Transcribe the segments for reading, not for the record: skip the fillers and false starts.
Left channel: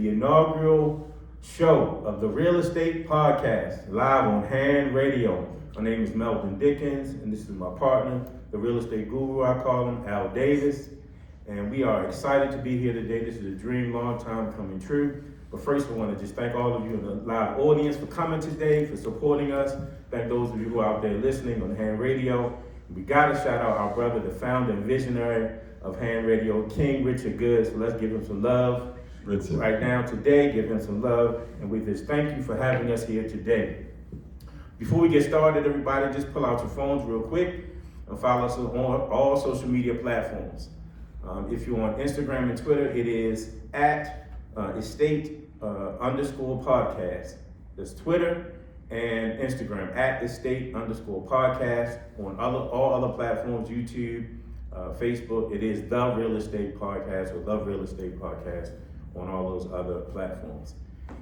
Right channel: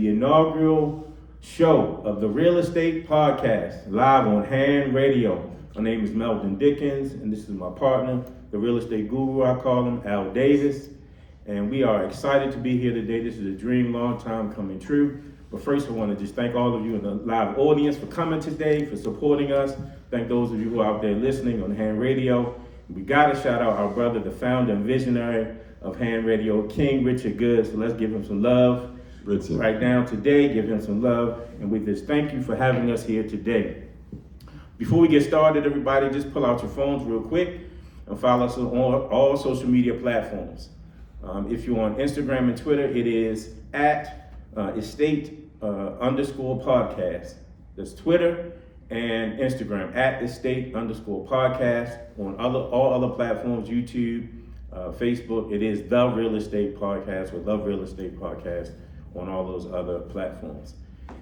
the inaugural show of the Real Estate Podcast, live on Hand Radio. My name is Meldon Dickens, and this is my partner, the real estate guru, I call him, Al Davis. And we are excited to be here today. This is a dream, long time coming true. But first, I want to just thank all of you in the live audience for coming today, for supporting us. Thank those of you who are out there listening on Hand Radio. We got to shout out our brother, the founder and visionary of Hand Radio, King Richard Good. So let's give him some love. Richard. Right now, today, give him some love. And we just thank you for having us here today. Before we get started, everybody, just pull out your phones real quick and follow us on all social media platforms. If you're on Instagram and Twitter, it is at estate_podcast. That's Twitter and Instagram, at estate_podcast. On all other platforms, YouTube, Facebook, it is The Real Estate Podcast or The Real Estate Podcast on all those other platforms.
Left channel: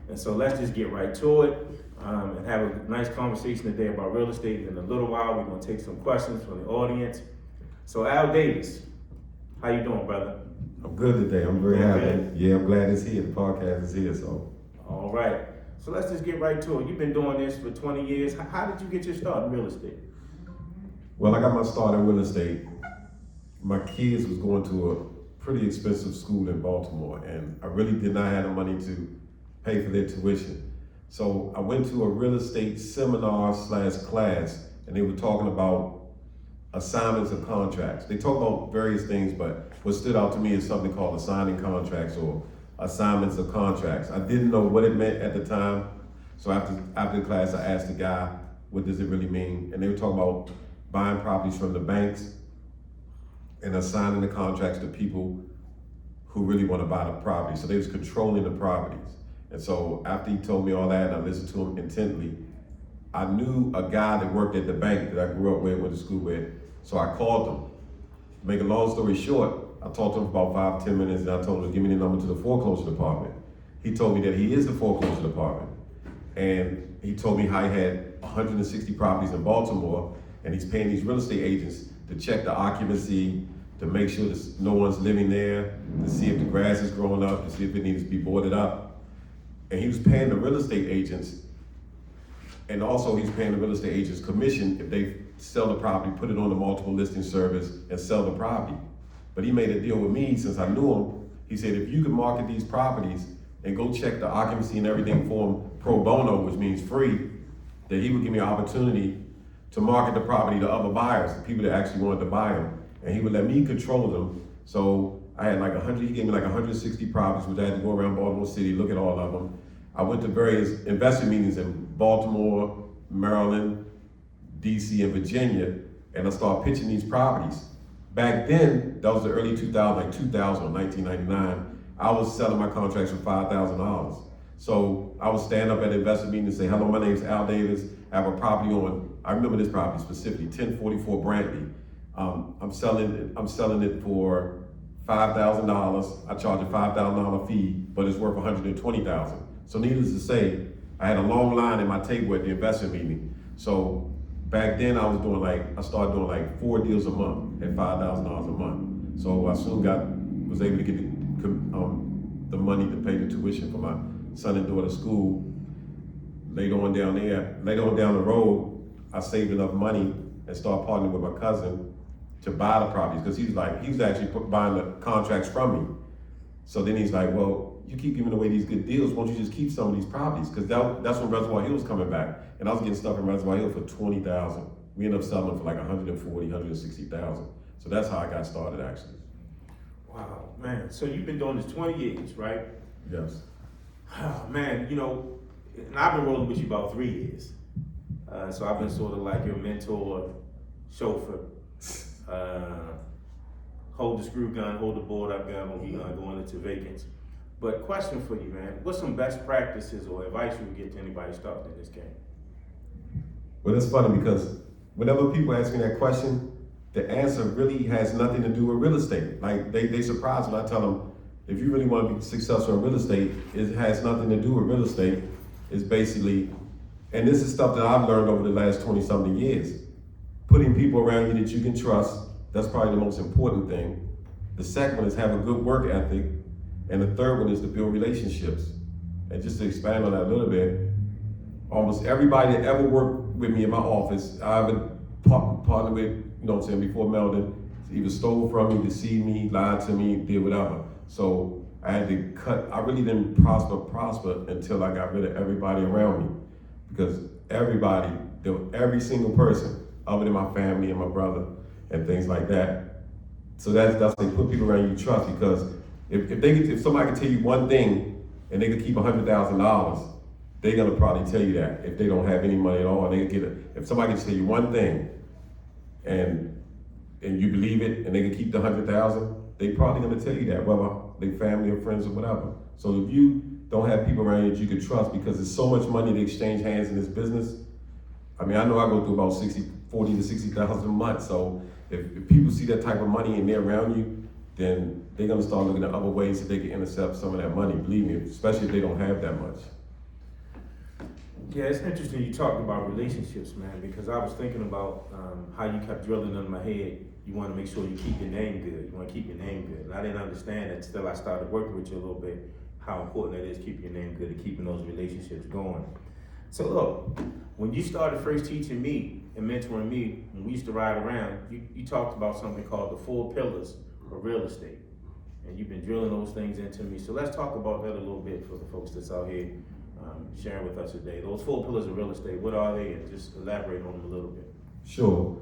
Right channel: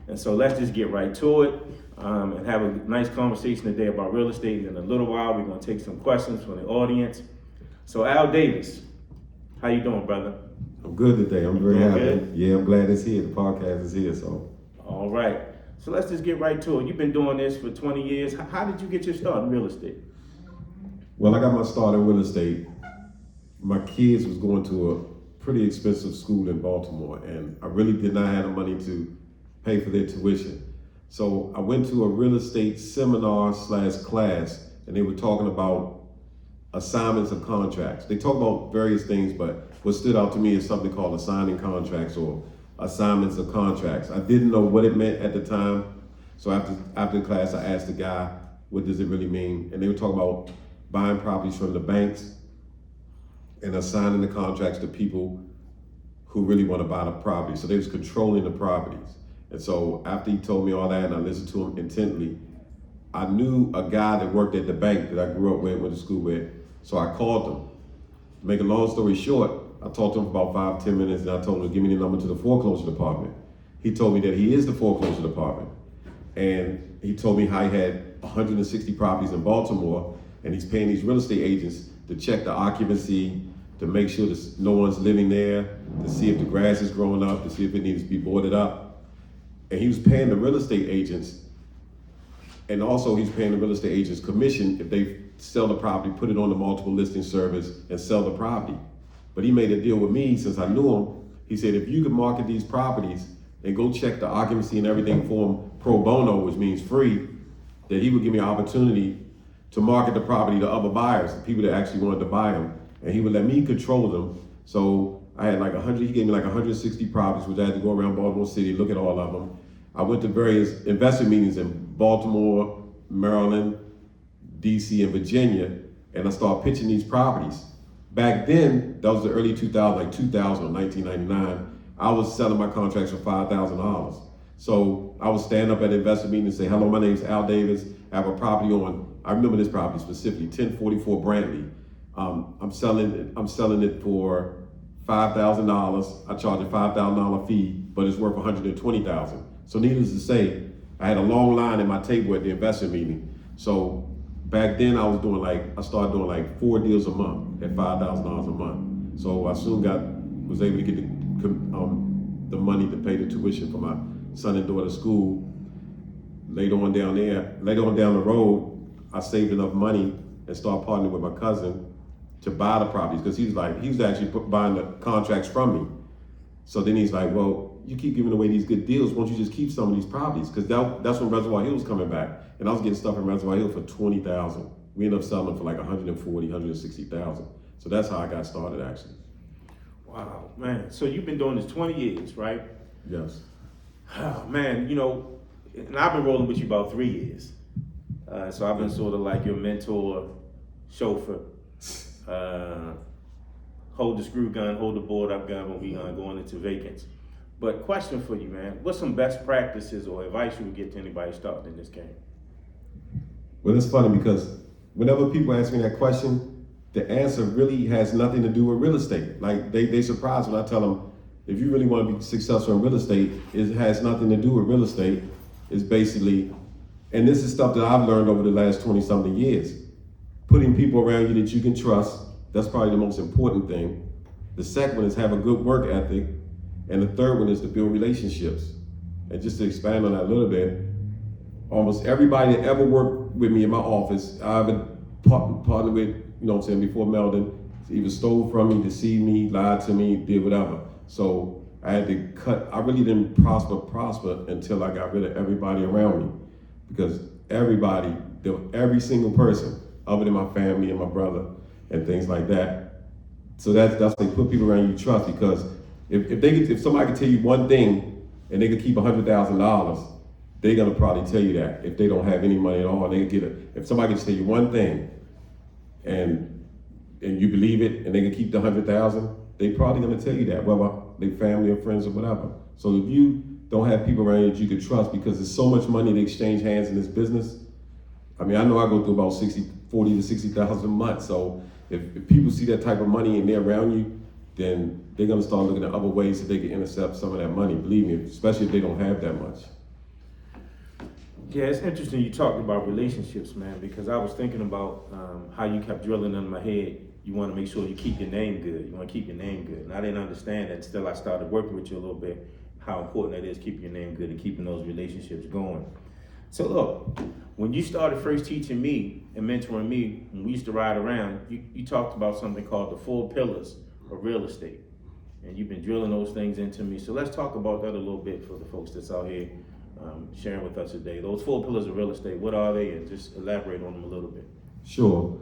And so let's just get right to it and have a nice conversation today about real estate. And in a little while, we're going to take some questions from the audience. So Al Davis, how you doing, brother? I'm good today. I'm very happy. Good? Yeah, I'm glad it's here. The podcast is here, so. All right. So let's just get right to it. You've been doing this for 20 years. How did you get your start in real estate? Well, I got my start in real estate. My kids was going to a pretty expensive school in Baltimore, and I really did not have the money to pay for their tuition. So I went to a real estate seminar/class, and they were talking about assignments of contracts. They talk about various things, but what stood out to me is something called assigning contracts or assignments of contracts. I didn't know what it meant at the time. So after the class, I asked the guy, what does it really mean? And they were talking about buying properties from the banks and assigning the contracts to people who really want to buy the property. So they was controlling the properties. And so after he told me all that and I listened to him intently, I knew a guy that worked at the bank that I grew up with, went to school with. So I called him. To make a long story short, I talked to him for about 5-10 minutes and I told him to give me the number to the foreclosure department. He told me that he is the foreclosure department. And he told me how he had 160 properties in Baltimore and he's paying these real estate agents to check the occupancy, to make sure that no one's living there, to see if the grass is growing up, to see if it needs to be boarded up. And he was paying the real estate agents, and also he's paying the real estate agents commission if they sell the property, put it on the multiple listing service, and sell the property. But he made a deal with me since I knew him. He said, if you could market these properties and go check the occupancy and everything for him pro bono, which means free, that he would give me an opportunity to market the property to other buyers, the people that actually wanted to buy them. And he would let me control them. So I had like he gave me like 160 properties, which I had to go around Baltimore City, look at all of them. I went to various investment meetings in Baltimore, Maryland, DC, and Virginia, and I started pitching these properties. Back then, that was the early 2000s, like 2000 or 1999, I was selling my contracts for $5,000. So I would stand up at an investment meeting and say, hello, my name is Al Davis. I have a property on, I remember this property specifically, 1044 Brantley. I'm selling it for $5,000. I charge a $5,000 fee, but it's worth $120,000. So needless to say, I had a long line at my table at the investment meeting. So back then I started doing like 4 deals a month at $5,000 a month. So I soon was able to get the money to pay the tuition for my son and daughter's school. Later on down the road, I saved enough money and started partnering with my cousin to buy the properties, because he was actually buying the contracts from me. So then he's like, well, you keep giving away these good deals, why don't you just keep some of these properties? Because that's when Reservoir Hill was coming back. And I was getting stuff in Reservoir Hill for $20,000. We ended up selling them for like $140,000, $160,000. So that's how I got started, actually. Wow, man. So you've been doing this 20 years, right? Yes. Oh, man, and I've been rolling with you about 3 years. So I've been sort of like your mentor, chauffeur, hold the screw gun, hold the board up gun when we going into vacants. But question for you, man, what's some best practices or advice you would give to anybody starting in this game? Well, it's funny because whenever people ask me that question, the answer really has nothing to do with real estate. Like they surprised when I tell them, if you really want to be successful in real estate, it has nothing to do with real estate. It's basically, and this is stuff that I've learned over the last 20 something years. Putting people around you that you can trust, that's probably the most important thing. The second one is have a good work ethic. And the third one is to build relationships. And just to expand on that a little bit, almost everybody that ever worked with me in my office, I've been partnered with, you know what I'm saying, before Meldon, either stole from me, deceived me, lied to me, did whatever. So I had to cut. I really didn't prosper until I got rid of everybody around me. Because everybody, every single person, other than my family and my brother and things like that. So that's they put people around you to trust, because if somebody can tell you one thing and they could keep $100,000, they're gonna probably tell you that. If they don't have any money at all, and they can get it. If somebody can tell you one thing and you believe it and they can keep the 100,000, they probably gonna tell you that, whether they40 or friends or whatever. So if you don't have people around you that you can trust, because there's so much money to exchange hands in this business. I mean, I know I go through about 40 to 60,000 a month. So if people see that type of money and they're around you, then they're gonna start looking at other ways that they can intercept some of that money. Believe me, especially if they don't have that much. Yeah, it's interesting you talking about relationships, man, because I was thinking about how you kept drilling in my head. You want to make sure you keep your name good. You want to keep your name good. And I didn't understand that until I started working with you a little bit, how important it is keeping your name good and keeping those relationships going. So look, when you started first teaching me and mentoring me, when we used to ride around, you talked about something called the 4 pillars of real estate. And you've been drilling those things into me. So let's talk about that a little bit for the folks that's out here sharing with us today. Those 4 pillars of real estate, what are they? And just elaborate on them a little bit. Sure.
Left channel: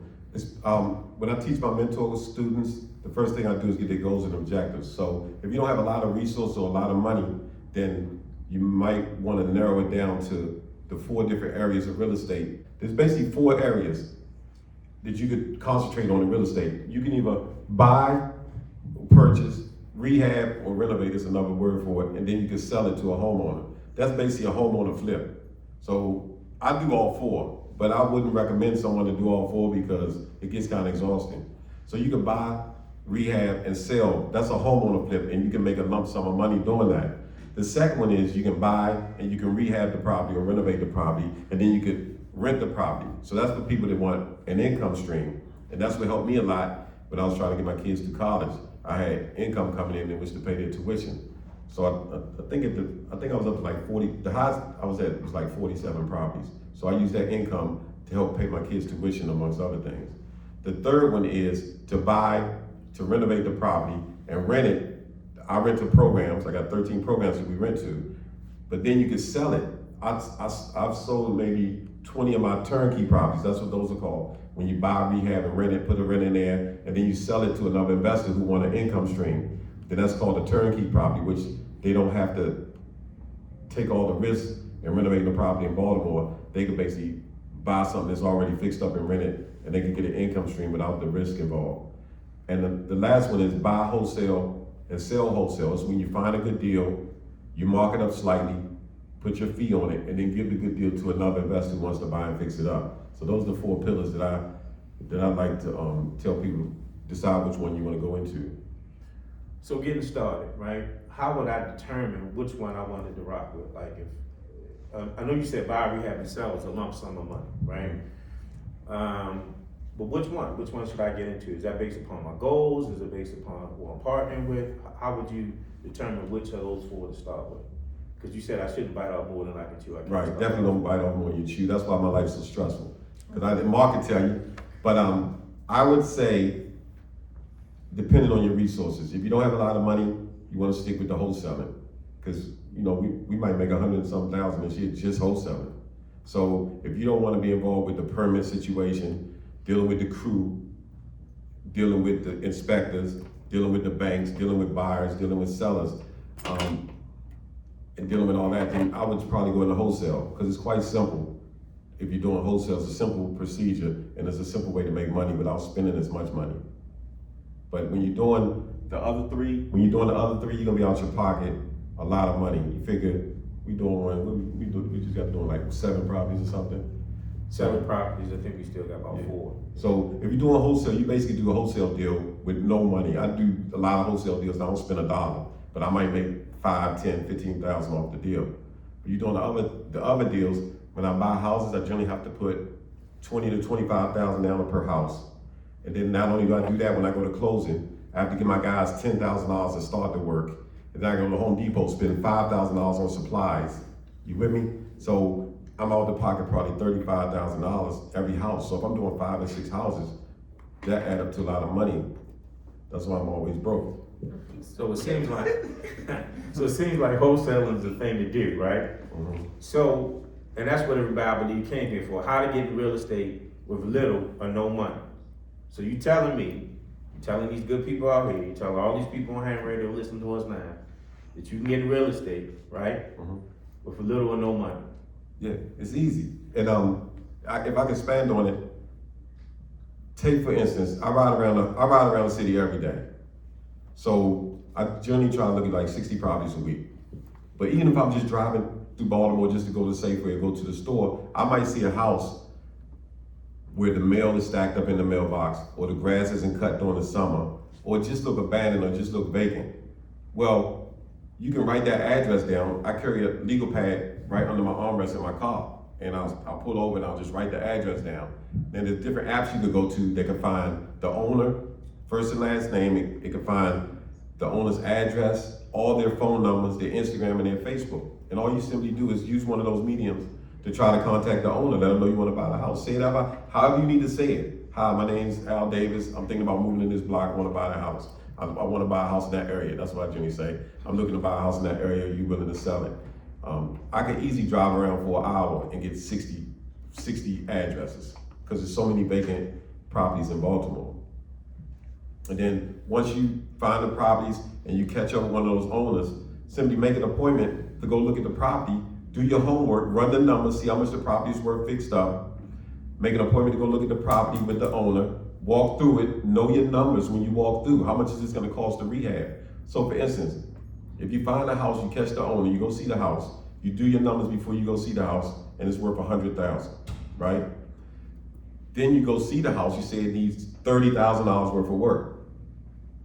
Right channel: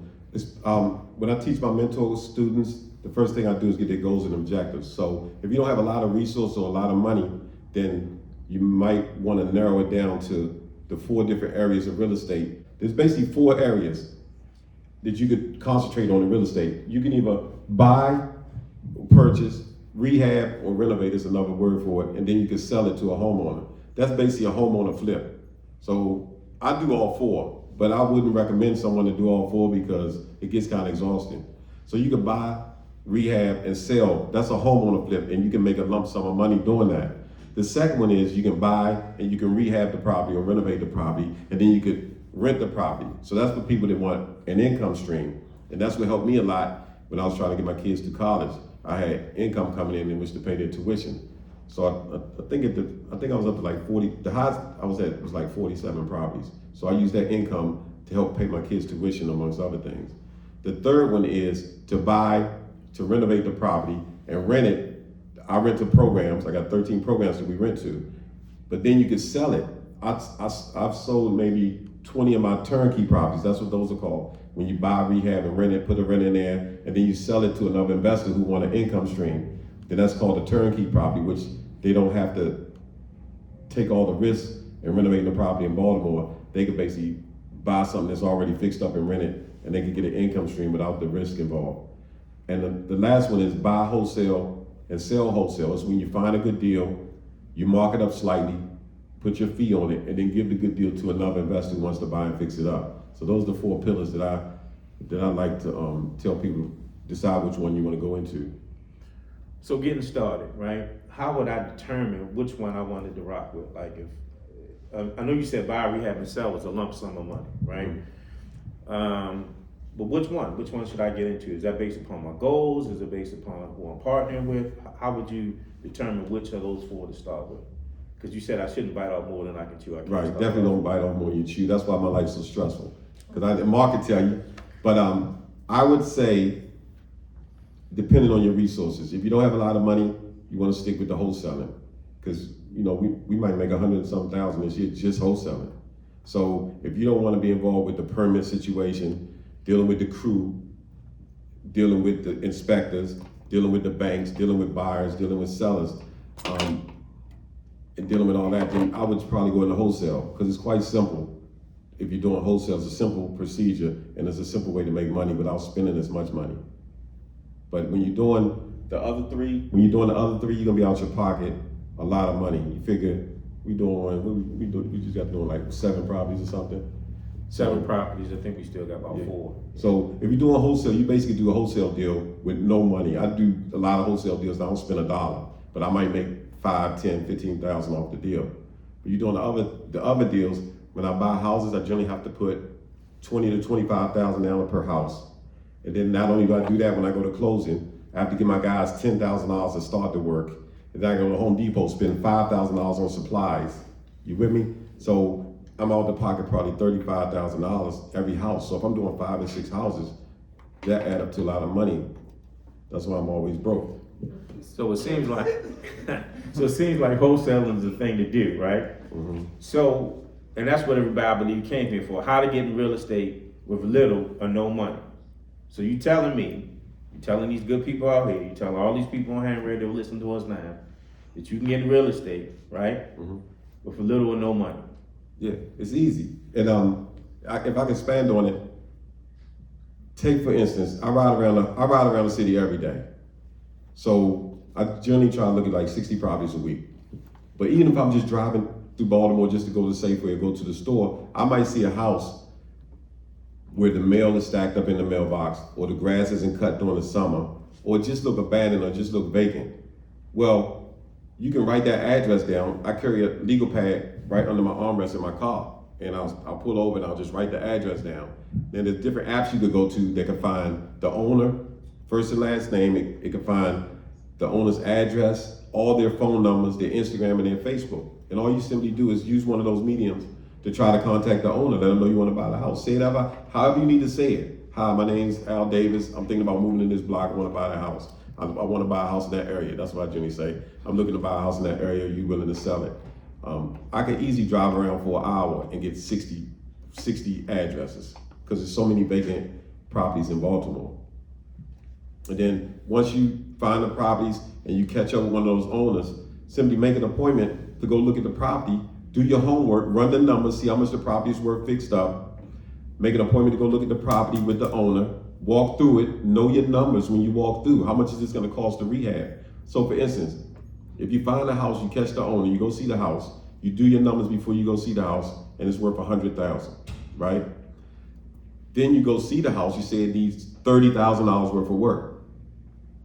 When I teach my mentor students, the first thing I do is get their goals and objectives. So if you don't have a lot of resources or a lot of money, then you might want to narrow it down to the 4 different areas of real estate. There's basically 4 areas that you could concentrate on in real estate. You can either buy, purchase, rehab, or renovate is another word for it, and then you can sell it to a homeowner. That's basically a homeowner flip. So I do all 4, but I wouldn't recommend someone to do all 4 because it gets kind of exhausting. So you can buy, rehab, and sell. That's a homeowner flip, and you can make a lump sum of money doing that. The second one is you can buy and you can rehab the property or renovate the property, and then you could rent the property. So that's for people that want an income stream. And that's what helped me a lot when I was trying to get my kids to college. I had income coming in which to pay their tuition. So I think I was up to like 40, the highest I was at was like 47 properties. So I used that income to help pay my kids' tuition, amongst other things. The third one is to buy, to renovate the property and rent it. I rent to programs. I got 13 programs that we rent to. But then you could sell it. I've sold maybe 20 of my turnkey properties. That's what those are called. When you buy, rehab, and rent it, put a rent in there, and then you sell it to another investor who want an income stream. Then that's called a turnkey property, which they don't have to take all the risks in renovating the property in Baltimore. They could basically buy something that's already fixed up and rent it, and they could get an income stream without the risk involved. And the last one is buy wholesale and sell wholesale. It's when you find a good deal, you mark it up slightly, put your fee on it, and then give the good deal to another investor who wants to buy and fix it up. So those are the 4 pillars that I like to tell people, decide which one you want to go into. So getting started, right? How would I determine which one I wanted to rock with? Like if, I know you said buy, rehab, and sell was a lump sum of money, right? But which one? Which one should I get into? Is that based upon my goals? Is it based upon who I'm partnering with? How would you determine which of those 4 to start with? Because you said I shouldn't bite off more than I can chew. Right, definitely don't bite off more than you chew. That's why my life's so stressful. Because Mark can tell you, but I would say, depending on your resources, if you don't have a lot of money, you want to stick with the wholesaling, because we might make 100-some thousand this year just wholesaling. So if you don't want to be involved with the permit situation, dealing with the crew, dealing with the inspectors, dealing with the banks, dealing with buyers, dealing with sellers, and dealing with all that, then I would probably go into wholesale, because it's quite simple. If you're doing wholesale, it's a simple procedure, and it's a simple way to make money without spending as much money. But when you're doing the other 3, you're gonna be out your pocket a lot of money. You figure we just got doing like 7 properties or something. 7 properties. I think we still got about 4. So if you're doing wholesale, you basically do a wholesale deal with no money. I do a lot of wholesale deals. I don't spend $1, but I might make 5, 10, 15,000 off the deal. But you're doing the other deals. When I buy houses, I generally have to put 20 to 25,000 down per house. And then not only do I do that, when I go to closing, I have to give my guys $10,000 to start the work. and then I go to Home Depot, spend $5,000 on supplies. You with me? So I'm out of the pocket probably $35,000 every house. So if I'm doing 5 and 6 houses, that add up to a lot of money. That's why I'm always broke. So it seems like, wholesaling is the thing to do, right? Mm-hmm. So, and that's what everybody, I believe, came here for, how to get in real estate with little or no money. So you telling me, you telling these good people out here, you telling all these people on ham radio listening to us now, that you can get in real estate, right? Mm-hmm. With little or no money. Yeah, it's easy. And if I can expand on it, take for instance, I ride around the city every day. So I generally try to look at like 60 properties a week. But even if I'm just driving through Baltimore just to go to Safeway or go to the store, I might see a house where the mail is stacked up in the mailbox, or the grass isn't cut during the summer, or it just look abandoned or just look vacant. Well, you can write that address down. I carry a legal pad right under my armrest in my car, and I'll pull over and I'll just write the address down. Then there's different apps you could go to that can find the owner, first and last name. It can find the owner's address, all their phone numbers, their Instagram, and their Facebook. And all you simply do is use one of those mediums to try to contact the owner, let them know you want to buy the house. Say it however you need to say it. Hi, my name's Al Davis. I'm thinking about moving in this block. I want to buy the house. I want to buy a house in that area. That's what I generally say. I'm looking to buy a house in that area. Are you willing to sell it? I could easily drive around for an hour and get 60 addresses, because there's so many vacant properties in Baltimore. And then once you find the properties and you catch up with one of those owners, simply make an appointment to go look at the property, do your homework, run the numbers, see how much the property is worth fixed up, make an appointment to go look at the property with the owner, walk through it, know your numbers when you walk through. How much is this gonna cost to rehab? So for instance, if you find a house, you catch the owner, you go see the house, you do your numbers before you go see the house, and it's worth $100,000, right? Then you go see the house, you say it needs $30,000 worth of work,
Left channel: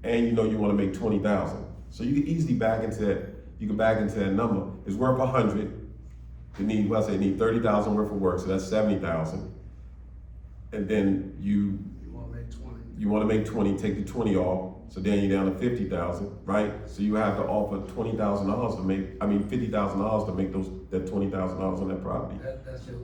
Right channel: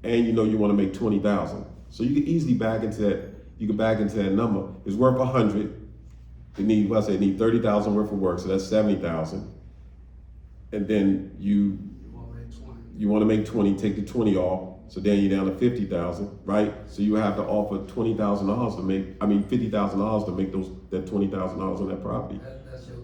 and you know you wanna make $20,000. So you can easily back into that number. It's worth 100. It need $30,000 worth of work, so that's 70,000. And then you want to make 20, take the 20 off, so then you're down to 50,000, right? So you have to offer $20,000 to make, $50,000 to make that $20,000 on that property. That's your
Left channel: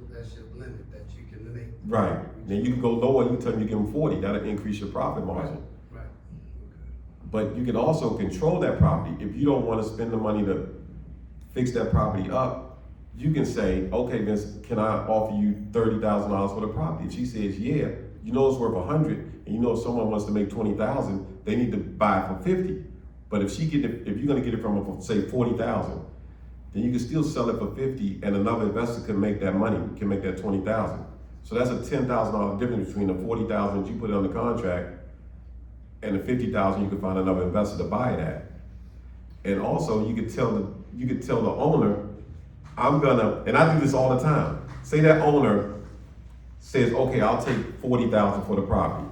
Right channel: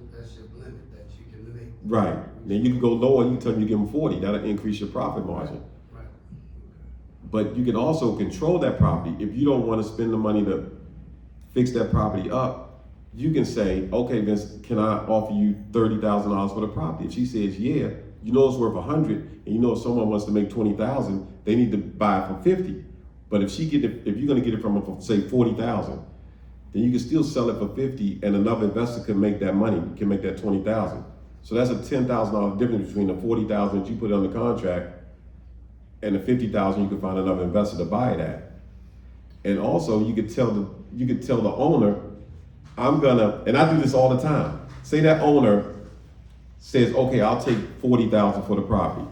limit that you can make. Right. Then you can go lower. You can tell them you give them 40. That'll increase your profit margin. Right. Okay. But you can also control that property. If you don't want to spend the money to fix that property up, you can say, okay, Vince, can I offer you $30,000 for the property? If she says, yeah, you know it's worth 100, and you know if someone wants to make 20,000, they need to buy it for 50. But if you're gonna get it from, say, 40,000, then you can still sell it for 50, and another investor can make that money, can make that 20,000. So that's a $10,000 difference between the 40,000 that you put on the contract and the 50,000 you can find another investor to buy it at. And also you could tell the owner, and I do this all the time. Say that owner says, okay, I'll take 40,000 for the property,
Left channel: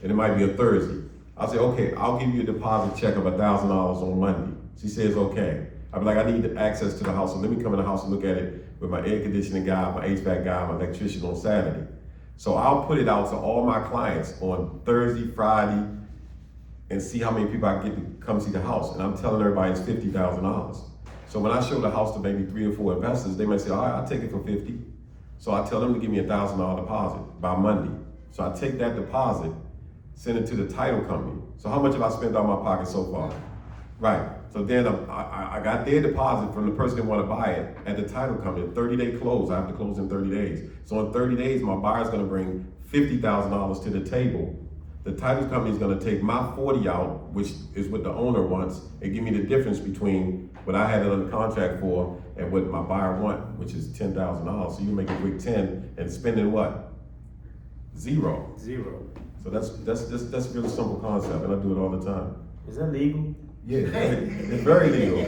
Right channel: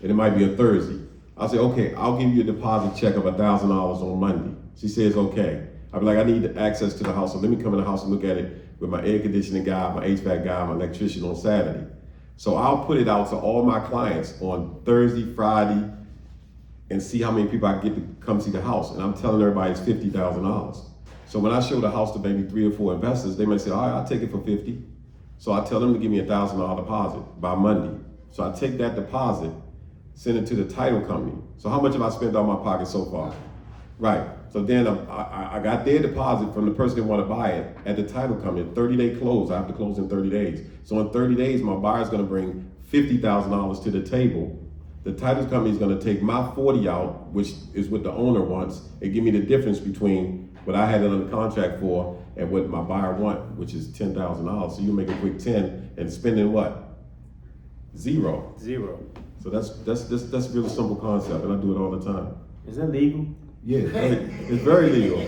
and it might be a Thursday. I'll say, okay, I'll give you a deposit check of $1,000 on Monday. She says, okay. I'll be like, I need access to the house, so let me come in the house and look at it with my air conditioning guy, my HVAC guy, my electrician on Saturday. So I'll put it out to all my clients on Thursday, Friday, and see how many people I get to come see the house. And I'm telling everybody it's $50,000. So when I show the house to maybe 3 or 4 investors, they may say, all right, I'll take it for 50. So I tell them to give me a $1,000 deposit by Monday. So I take that deposit, send it to the title company. So how much have I spent out of my pocket so far? Right. So then I got their deposit from the person that want to buy it at the title company. A 30-day close. I have to close in 30 days. So in 30 days, my buyer's going to bring $50,000 to the table. The title company is going to take my 40 out, which is what the owner wants, and give me the difference between what I had it under contract for and what my buyer want, which is $10,000. So you make a quick 10 and spending what? Zero. So that's really simple concept, and I do it all the time. Is that legal? Yeah, it's very legal.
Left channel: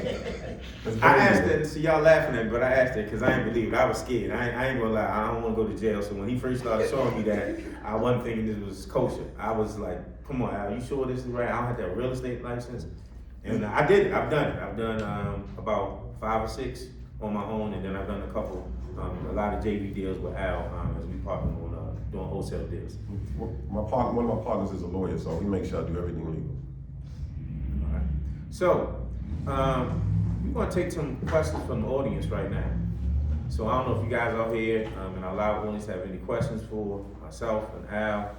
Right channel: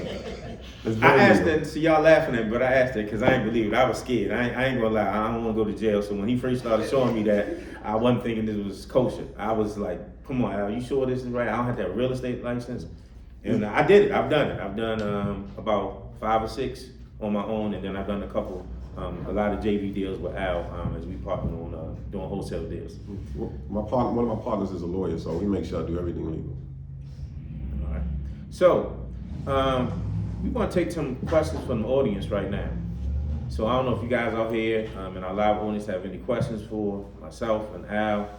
I asked that, see y'all laughing at me, but I asked that because I ain't believe it. I was scared. I ain't gonna lie, I don't wanna go to jail. So when he first started showing me that, I wasn't thinking this was kosher. I was like, come on, Al, you sure this is right? I don't have to have a real estate license. And I did it, I've done it. I've done about 5 or 6 on my own, and then I've done a couple, a lot of JV deals with Al as we partner on doing wholesale deals. One of my partners is a lawyer, so he makes sure I do everything legal. All right. So, We want to take some questions from the audience right now. So I don't know if you guys out here in our live audience have any questions for myself and Al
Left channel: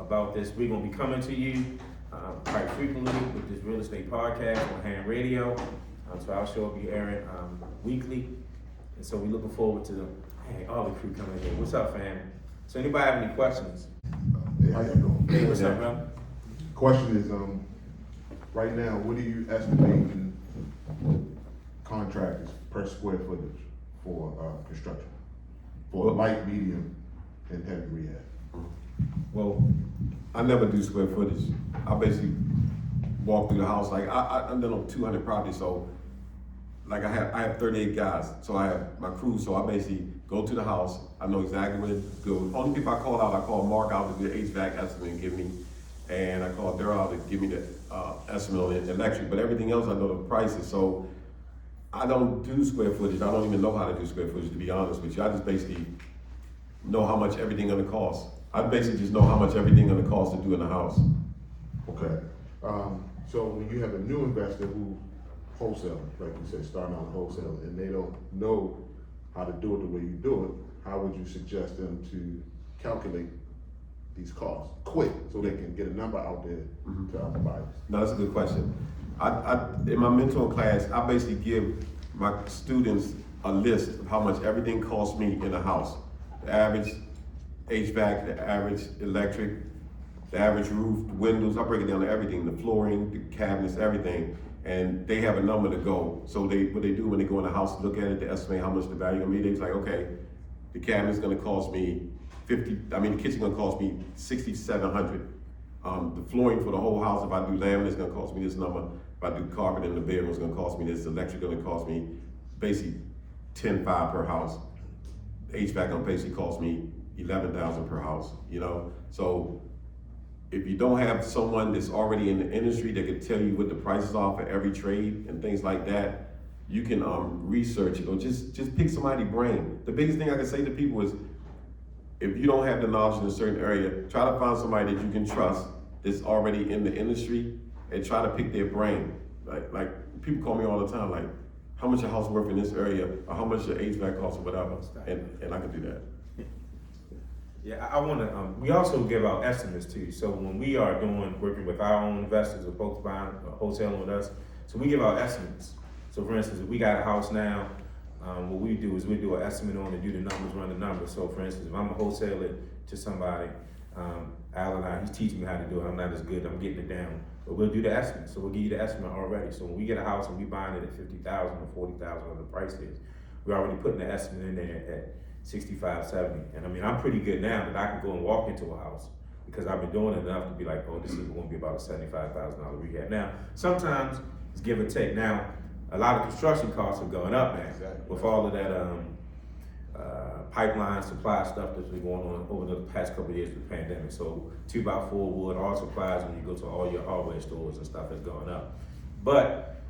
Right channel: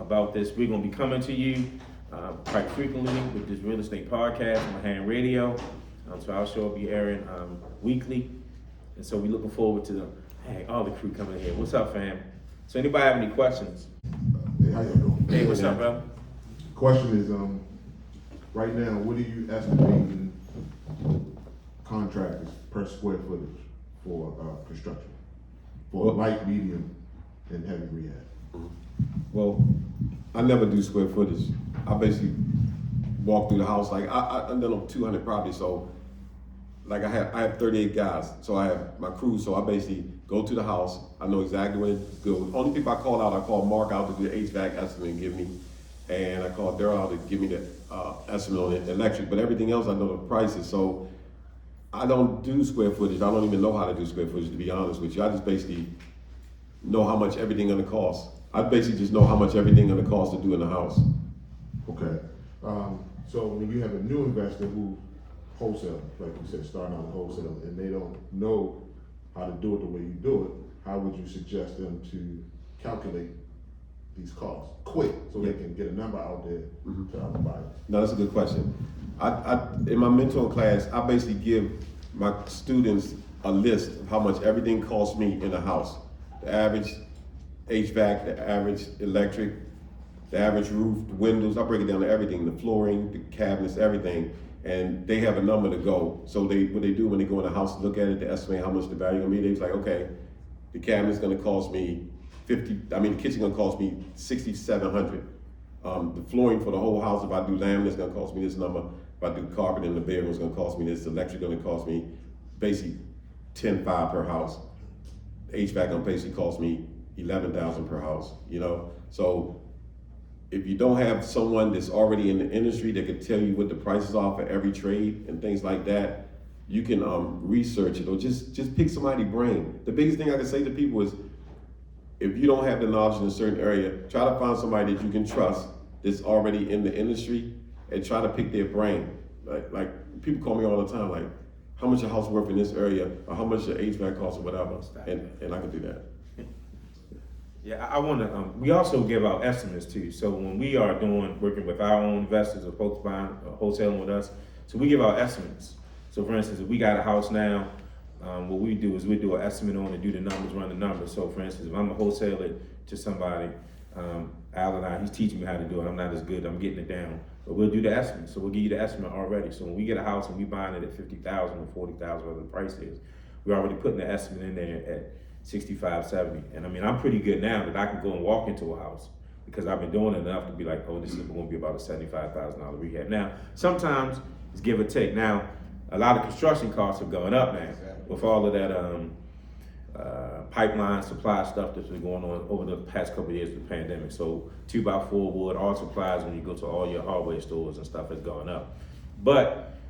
about this. We're going to be coming to you quite frequently with this real estate podcast on Hand Radio. So our show will be airing weekly. And so we're looking forward to all the crew coming in. What's up, fam? So anybody have any questions? Hey, how you doing? Hey, what's up, bro? Question is, right now, what are you estimating contractors per square footage for construction? For light, medium, and heavy rehab? Well, I never do square footage. I basically walk through the house, like, I've done on 200 properties, so, like, I have 38 guys, so I have my crew, so I basically go to the house, I know exactly what it's good. Only people I call out, I call Mark out to do the HVAC estimate and give me, and I call Daryl out to give me the estimate on the electric, but everything else I know the prices, so I don't do square footage. I don't even know how to do square footage, to be honest with you. I just basically know how much everything gonna cost. I basically just know how much everything gonna cost to do in the house. Okay. So when you have a new investor who wholesale, like you said, starting out wholesale, and they don't know how to do it the way you do it, how would you suggest them to calculate these costs quick so they can get a number out there to other buyers? No, that's a good question. In my mentoring class, I basically give my students a list of how much everything costs me in a house. The average HVAC, the average electric, the average roof, the windows, I break it down to everything, the flooring, the cabinets, everything. And they have a number to go. So what they do when they go in the house to look at it, they estimate how much the value gonna be. They're like, okay, the cabinet's gonna cost me the kitchen gonna cost me $6,700. The flooring for the whole house, if I do laminate, it's gonna cost me this number. If I do carpet in the bedroom, it's gonna cost me this. The electric gonna cost me basically $10,500 per house. The HVAC gonna basically cost me $11,000 per house, you know? So if you don't have someone that's already in the industry that can tell you what the prices are for every trade and things like that, you can research it or just pick somebody's brain. The biggest thing I can say to people is, if you don't have the knowledge in a certain area, try to find somebody that you can trust that's already in the industry and try to pick their brain. Like people call me all the time, like, how much a house worth in this area, or how much your HVAC costs or whatever, and I can do that. Yeah, I want to. We also give out estimates too. So when we are working with our own investors or folks buying wholesaling with us, so we give out estimates. So for instance, if we got a house now, what we do is we do an estimate on it, do the numbers, run the numbers. So for instance, if I'm a wholesaler to somebody, Al and he's teaching me how to do it. I'm not as good. I'm getting it down, but we'll do the estimate. So we'll give you the estimate already. So when we get a house and we buying it at $50,000 or $40,000, whatever the price is, we're already putting the estimate in there at 65, 70. And I mean, I'm pretty good now that I can go and walk into a house because I've been doing it enough to be like, oh, this is going to be about a $75,000 rehab. Now, sometimes it's give or take. Now, a lot of construction costs are going up now with all of that pipeline supply stuff that's been going on over the past couple of years with the pandemic. So 2x4 wood, all supplies when you go to all your hardware stores and stuff is going up. But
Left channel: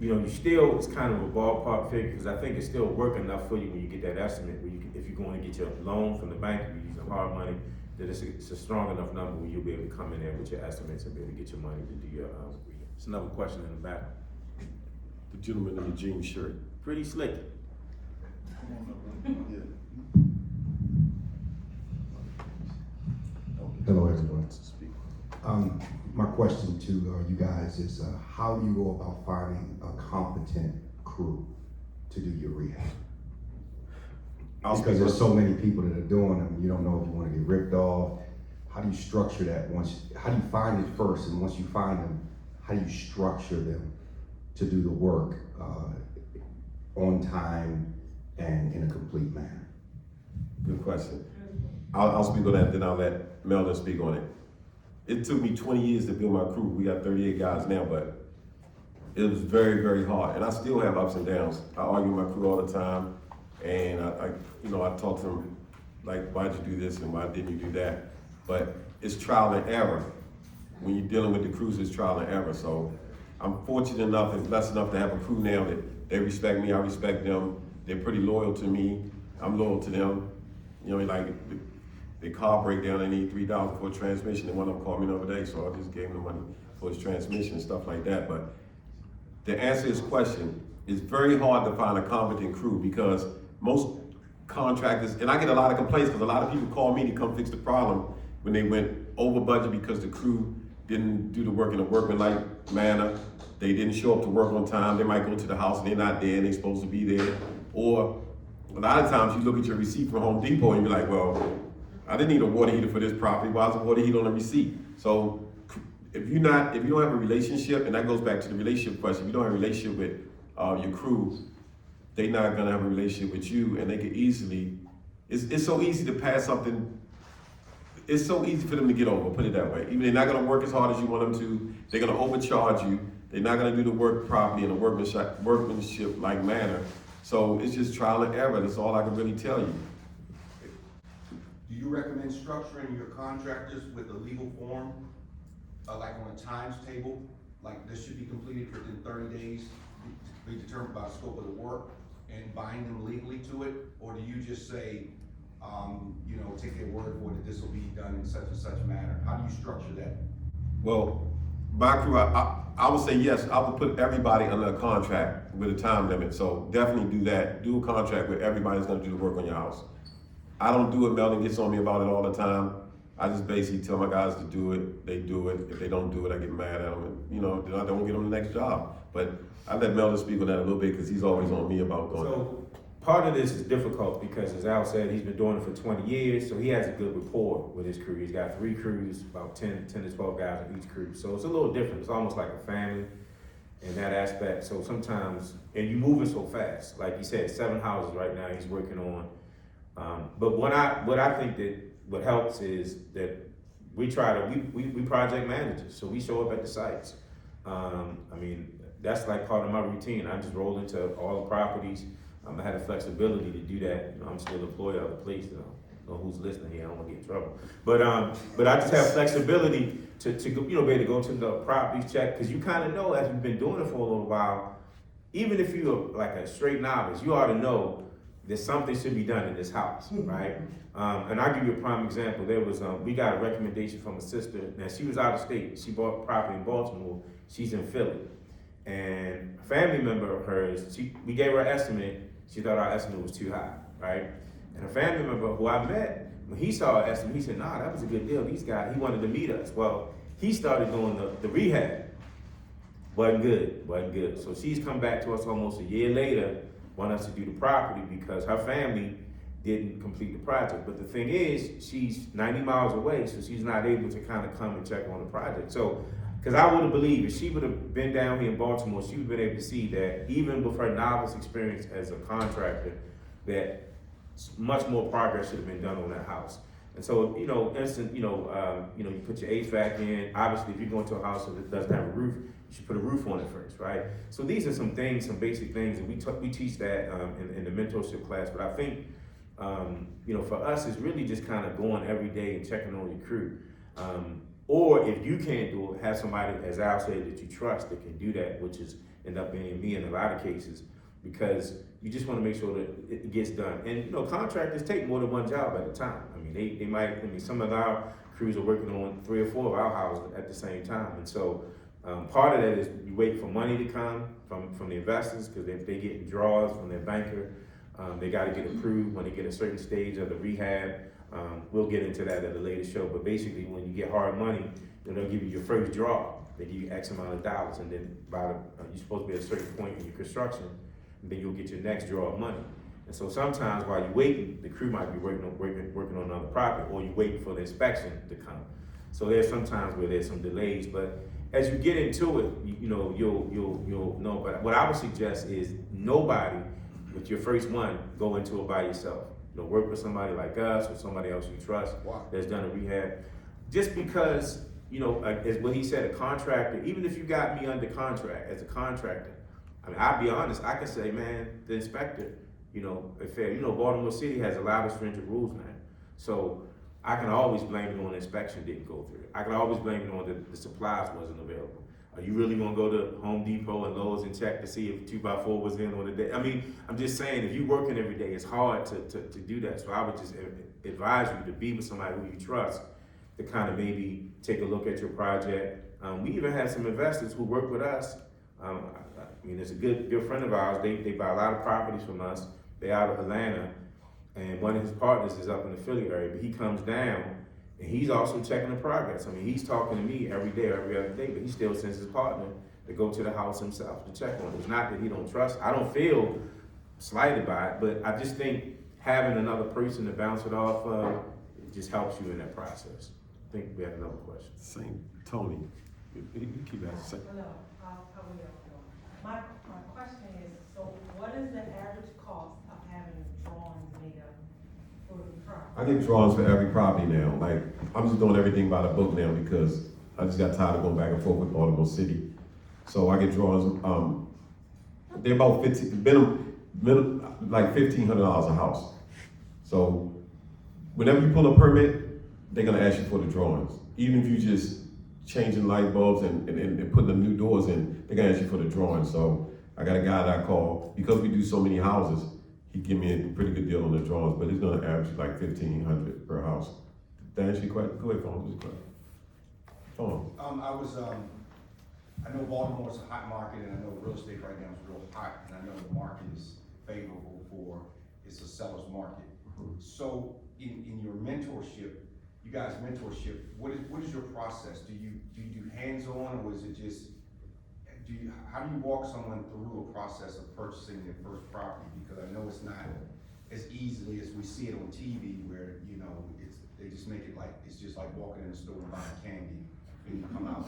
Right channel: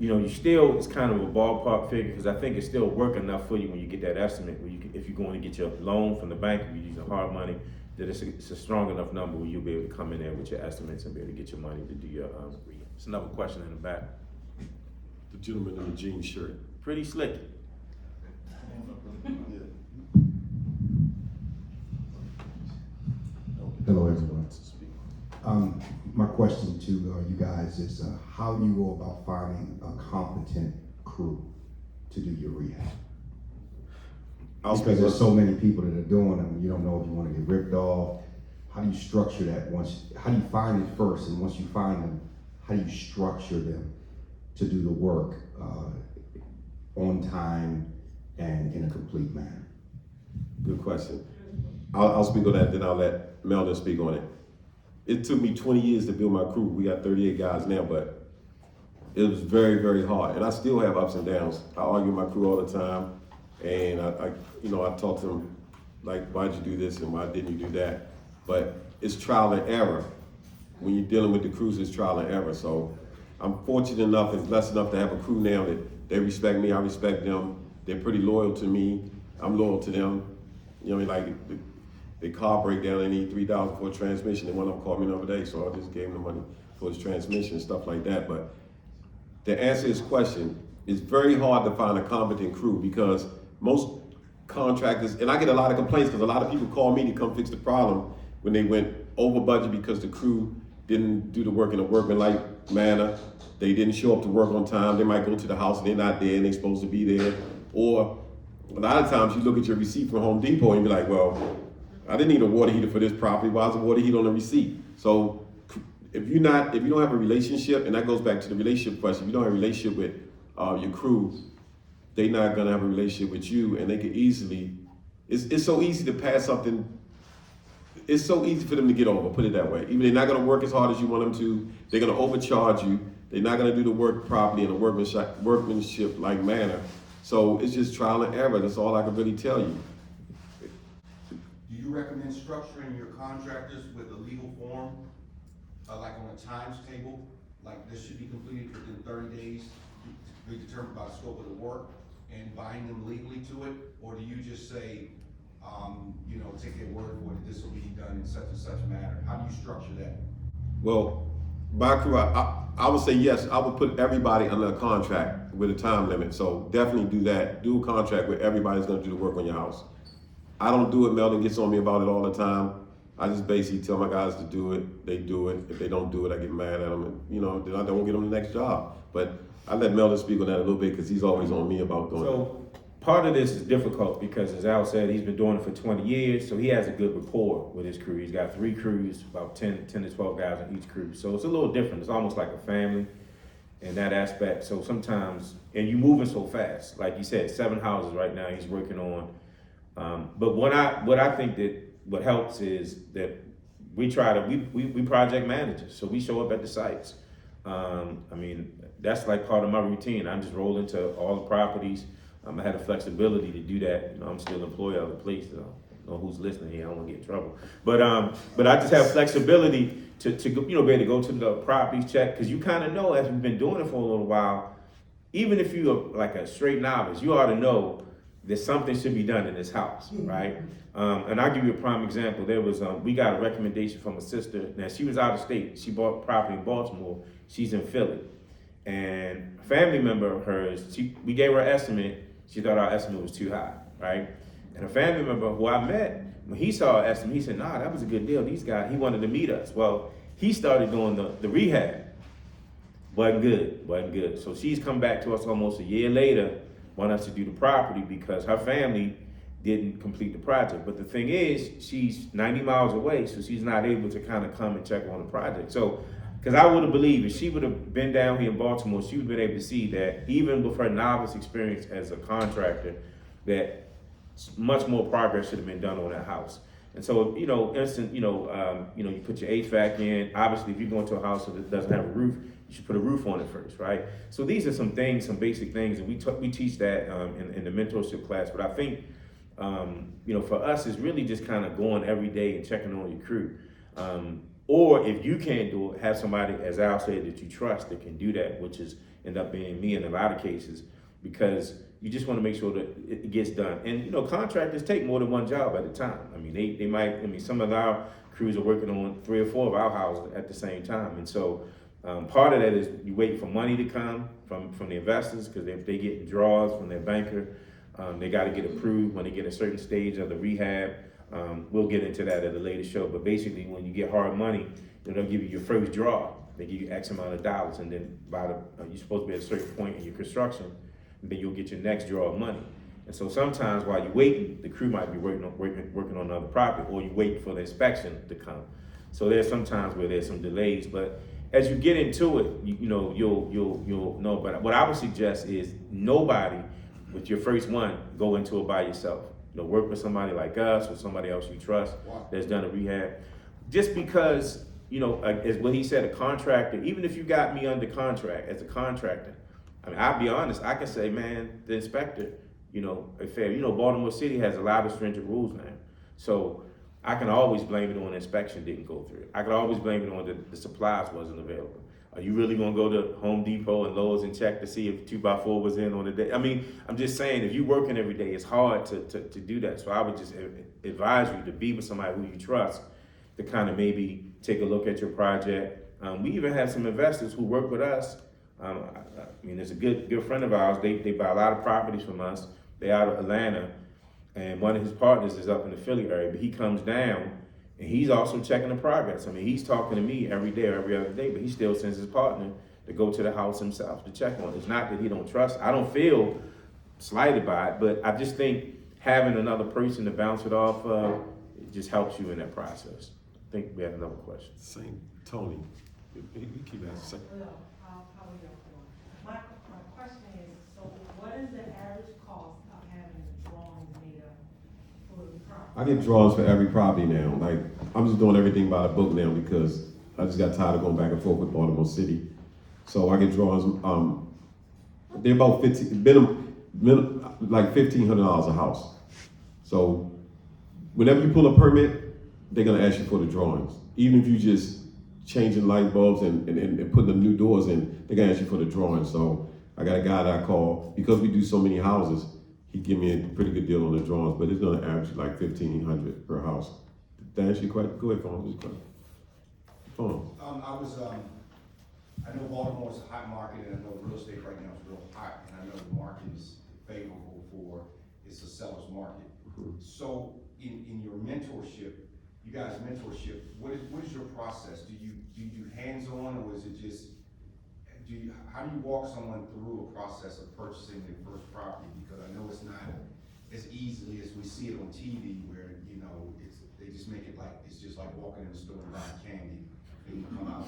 you know, it's kind of a ballpark figure because I think it's still working enough for you when you get that estimate. Where if you're going to get your loan from the bank, if you're using hard money, that it's a strong enough number where you'll be able to come in there with your estimates and be able to get your money to do your. It's another question in the back. The gentleman in the jean shirt. Pretty slick. Hello, everyone. My question to you guys is, how do you go about finding a competent crew to do your rehab? Because there's so many people that are doing them, you don't know if you want to get ripped off. How do you structure that how do you find it first, and once you find them, how do you structure them to do the work on time and in a complete manner? Good question. I'll speak on that, then I'll let Meldon speak on it. It took me 20 years to build my crew. We got 38 guys now, but it was very, very hard. And I still have ups and downs. I argue with my crew all the time. And I talk to them, like, why'd you do this and why didn't you do that? But it's trial and error. When you're dealing with the crews, it's trial and error. So I'm fortunate enough and blessed enough to have a crew now that they respect me, I respect them. They're pretty loyal to me. I'm loyal to them. You know what I mean? Like, the car breakdown, they need $3,000 for a transmission, and one of them called me the other day, so I just gave him the money for his transmission and stuff like that. But to answer his question, it's very hard to find a competent crew because most contractors, and I get a lot of complaints because a lot of people call me to come fix the problem when they went over budget because the crew didn't do the work in a workmanlike manner. They didn't show up to work on time. They might go to the house and they're not there and they're supposed to be there. Or a lot of times you look at your receipt from Home Depot and be like, well, I didn't need a water heater for this property. Why is a water heater on the receipt? So if you don't have a relationship, and that goes back to the relationship question, if you don't have a relationship with your crew, they're not gonna have a relationship with you, and they could easily, it's so easy to pass something, it's so easy for them to get over, put it that way. Even they're not gonna work as hard as you want them to, they're gonna overcharge you, they're not gonna do the work properly in a workmanship-like manner. So it's just trial and error, that's all I can really tell you. Do you recommend structuring your contractors with a legal form, like on a times table? Like this should be completed within 30 days, to be determined by the scope of the work, and bind them legally to it? Or do you just say, take their word for it, that this will be done in such and such manner? How do you structure that? Well, my crew, I would say yes, I would put everybody under a contract with a time limit, so definitely do that. Do a contract where everybody's gonna do the work on your house. I don't do it, Meldon gets on me about it all the time. I just basically tell my guys to do it, they do it. If they don't do it, I get mad at them, and then I don't get them the next job. But I let Meldon speak on that a little bit because he's always on me about doing it. So part of this is difficult because, as Al said, he's been doing it for 20 years, so he has a good rapport with his crew. He's got 3 crews, about 10 to 12 guys in each crew. So it's a little different. It's almost like a family in that aspect. So sometimes, and you're moving so fast. Like you said, 7 houses right now he's working on. But what I think that what helps is that we project managers, so we show up at the sites. That's like part of my routine. I just roll into all the properties. I had the flexibility to do that. I'm still an employee of the place, so I don't know who's listening here. I don't want to get in trouble. But I just have flexibility to be able to go to the properties, check, because you kind of know as you've been doing it for a little while. Even if you're like a straight novice, you ought to know that something should be done in this house, right? And I'll give you a prime example. There was, we got a recommendation from a sister. Now, she was out of state. She bought property in Baltimore. She's in Philly. And a family member of hers, we gave her an estimate. She thought our estimate was too high, right? And a family member who I met, when he saw our estimate, he said, nah, that was a good deal. These guys, he wanted to meet us. Well, he started doing the rehab. Wasn't good. So she's come back to us almost a year later, want us to do the property because her family didn't complete the project. But the thing is, she's 90 miles away, so she's not able to kind of come and check on the project. So, because I would have believed if she would have been down here in Baltimore, she would have been able to see that even with her novice experience as a contractor, that much more progress should have been done on that house. And so, you put your HVAC in. Obviously, if you go into a house that doesn't have a roof, you should put a roof on it first, right? So these are some things, some basic things, and we teach that in the mentorship class. But I think, for us, it's really just kind of going every day and checking on your crew. Or if you can't do it, have somebody, as Al said, that you trust that can do that, which is end up being me in a lot of cases, because you just want to make sure that it gets done. And contractors take more than one job at a time. They might. Some of our crews are working on 3 or 4 of our houses at the same time, and so part of that is you wait for money to come from the investors, because if they get draws from their banker, they got to get approved when they get a certain stage of the rehab. We'll get into that at a later show, but basically when you get hard money, they'll give you your first draw. They give you X amount of dollars, and then you're supposed to be at a certain point in your construction, and then you'll get your next draw of money. And so sometimes while you're waiting, the crew might be working on another property, or you wait for the inspection to come. So there's some times where there's some delays, but as you get into it, you'll know. But what I would suggest is nobody, with your first one, go into it by yourself. Work with somebody like us or somebody else you trust that's done a rehab. Just because, as what he said, a contractor, even if you got me under contract as a contractor, I'll be honest, I can say, man, the inspector, Baltimore City has a lot of stringent rules now. So I can always blame it on the inspection didn't go through. I can always blame it on the supplies wasn't available. Are you really gonna go to Home Depot and Lowe's and check to see if 2x4 was in on the day? I'm just saying, if you're working every day, it's hard to do that. So I would just advise you to be with somebody who you trust to kind of maybe take a look at your project. We even have some investors who work with us. I mean, it's a good friend of ours. They buy a lot of properties from us. They're out of Atlanta, and one of his partners is up in the Philly area. But he comes down, and he's also checking the progress. I mean, he's talking to me every day, every other day, but he still sends his partner to go to the house himself to check on it. It's not that he don't trust. I don't feel slighted by it, but I just think having another person to bounce it off of, it just helps you in that process. I think we had another question. Same, Tony. You keep asking. No, how we have to go. My question is, so what is the average cost of having drawings made up for the property? I get drawings for every property now. Like, I'm just doing everything by the book now because I just got tired of going back and forth with Baltimore City. So I get drawings, they're about like $1,500 a house. So whenever you pull a permit, they're gonna ask you for the drawings. Even if you just changing light bulbs and putting the new doors in, they're gonna ask you for the drawings. So I got a guy that I call, because we do so many houses, he give me a pretty good deal on the drawings, but it's gonna average like $1,500 per house. Did that answer your question? Go ahead, Phone. Phone. I know Baltimore is a hot market, and I know real estate right now is real hot, and I know the market is favorable for, it's a seller's market. So in your mentorship, you guys' mentorship, what is your process? Do you do hands-on, or is it just, how do you walk someone through a process of purchasing their first property? Because I know it's not as easily as we see it on TV, where, you know, they just make it like, it's just like walking in the store and buying candy, and you come out.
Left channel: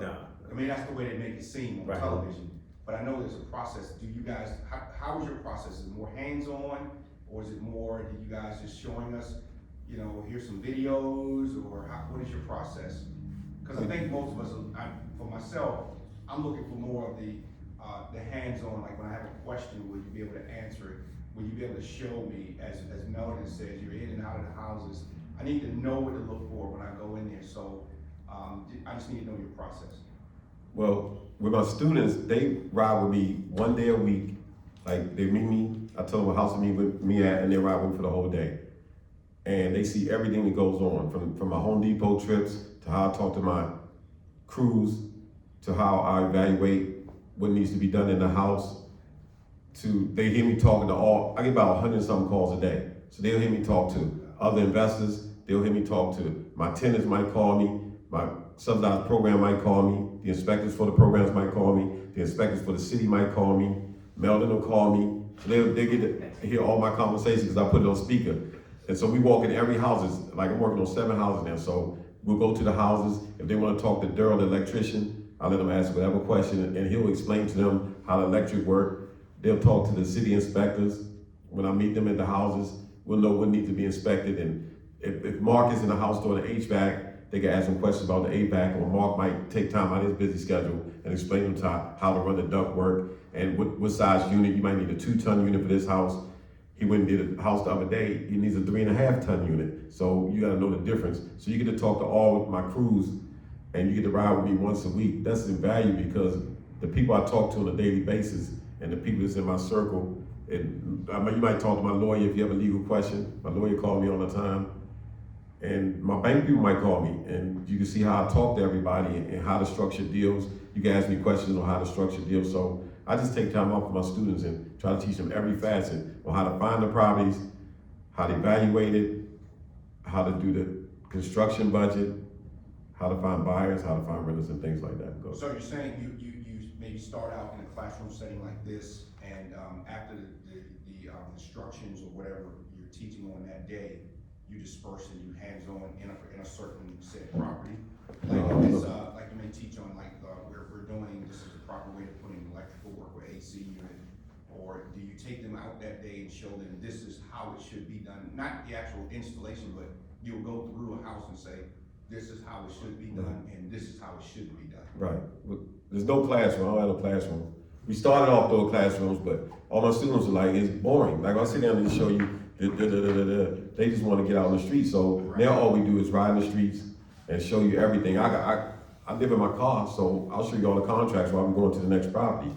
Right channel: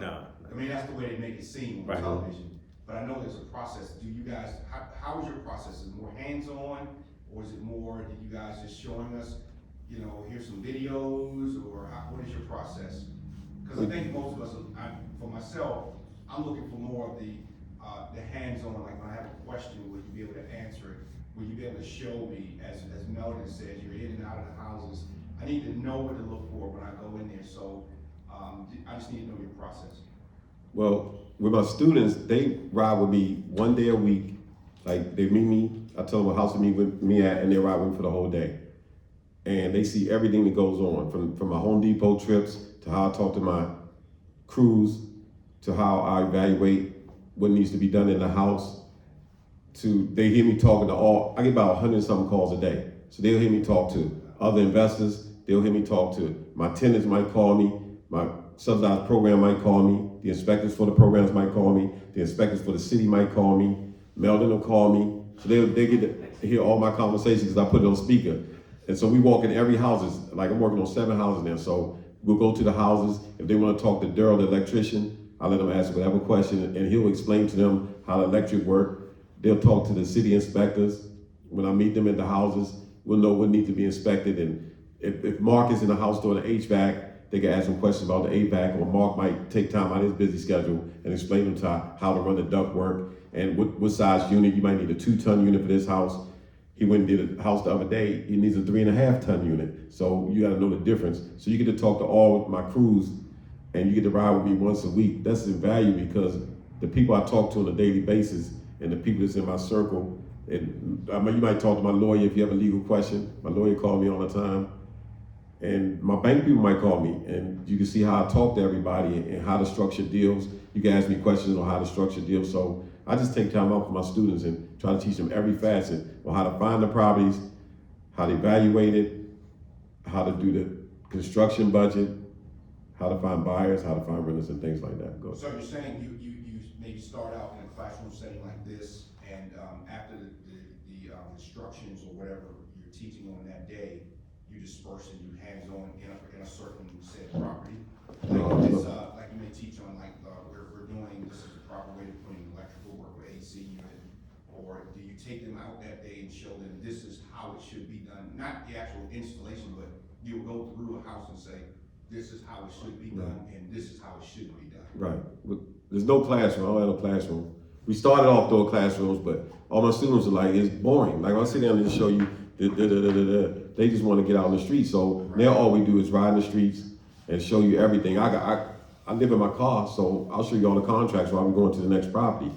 No. I mean, that's the way they make it seem on Right. television, but I know there's a process. Do you guys, how is your process? Is it more hands-on, or is it more, do you guys just showing us, you know, here's some videos, or what is your process? Because I think most of us, for myself, I'm looking for more of the hands-on, like when I have a question, will you be able to answer it? Will you be able to show me, as Meldon says, you're in and out of the houses. I need to know what to look for when I go in there, so I just need to know your process. Well, with my students, they ride with me 1 day a week. Like, they meet me, I tell them what house to meet with me at, and they ride with me for the whole day. And they see everything that goes on, from my Home Depot trips, to how I talk to my crews, to how I evaluate what needs to be done in the house, to, they hear me talking to I get about 100 and something calls a day. So they'll hear me talk to other investors, they'll hear me talk to, my tenants might call me, my subsidized program might call me, the inspectors for the programs might call me, the inspectors for the city might call me, Meldon will call me. So they get to hear all my conversations because I put it on speaker. And so we walk in every houses, like I'm working on 7 houses now, so we'll go to the houses. If they want to talk to Daryl, the electrician, I let them ask whatever question, and he'll explain to them how the electric work. They'll talk to the city inspectors. When I meet them at the houses, we'll know what needs to be inspected. And if Mark is in the house doing the HVAC, they can ask him questions about the HVAC, or Mark might take time out of his busy schedule and explain to them how to run the duct work and what size unit. You might need a 2-ton unit for this house. He went and did a house the other day, he needs a 3.5-ton unit. So you gotta know the difference. So you get to talk to all of my crews, and you get to ride with me once a week. That's invaluable, because the people I talk to on a daily basis, and the people that's in my circle, and I mean, you might talk to my lawyer if you have a legal question. My lawyer calls me all the time. And my bank people might call me, and you can see how I talk to everybody and how to structure deals. You can ask me questions on how to structure deals. So I just take time out for my students and try to teach them every facet on how to find the properties, how to evaluate it, how to do the construction budget, how to find buyers, how to find renters, and things like that. Go. So you're saying you maybe start out in a classroom setting like this, and after the instructions or whatever you're teaching on that day, you disperse and you hands-on in a certain said property. Like you may teach on where we're doing, this is the proper way to put in electrical work or AC unit, or do you take them out that day and show them this is how it should be done? Not the actual installation, but you'll go through a house and say, this is how it should be done, and this is how it should be done. Right. There's no classroom. I don't have no classroom. We started off doing classrooms, but all my students are like, it's boring. Like, when I sit down and just show you, they just want to get out on the street. So now all we do is ride in the streets and show you everything. I live in my car, so I'll show you all the contracts while we're going to the next property.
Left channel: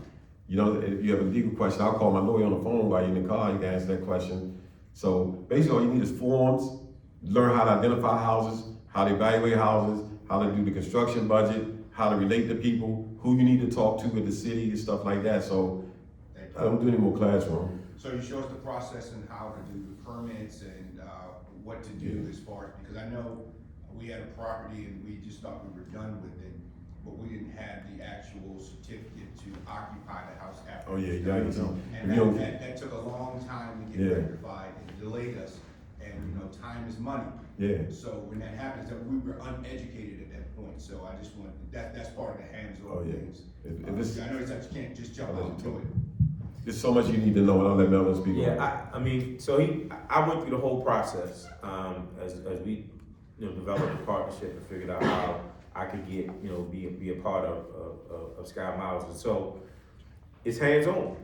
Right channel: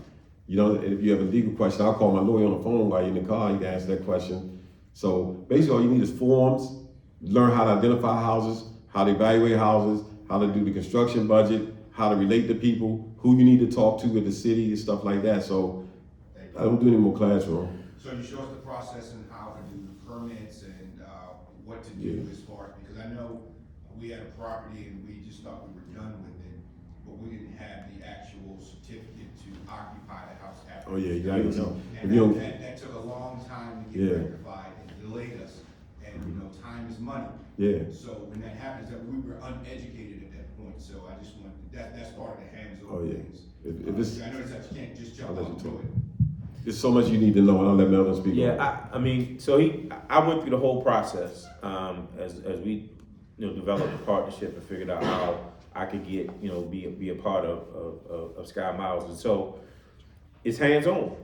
You know, and if you have a legal question, I'll call my lawyer on the phone while you're in the car. You can answer that question. So basically, all you need is forms, learn how to identify houses, how to evaluate houses, how to do the construction budget, how to relate to people, who you need to talk to with the city and stuff like that. So Thank I you. don't do any more classroom. So you show us the process and how to do the permits and, what to do as far as, because I know we had a property and we just thought we were done with it, but we didn't have the actual certificate to occupy the house after. Oh, yeah, yeah, you know. If And you don't- that took a long time to get Yeah. rectified and delayed us, and, time is money. Yeah. So when that happens, that we were uneducated at that point, so I just want, that's part of the hands-on Oh, yeah. things. If it's- I know that you can't just jump I'll let out you into talk. it. There's so much you need to know, and I'll let Meldon speak. Yeah, I mean, so I went through the whole process, as we, developed a partnership and figured out how I could get, be a part of Sky Miles. And so it's hands-on,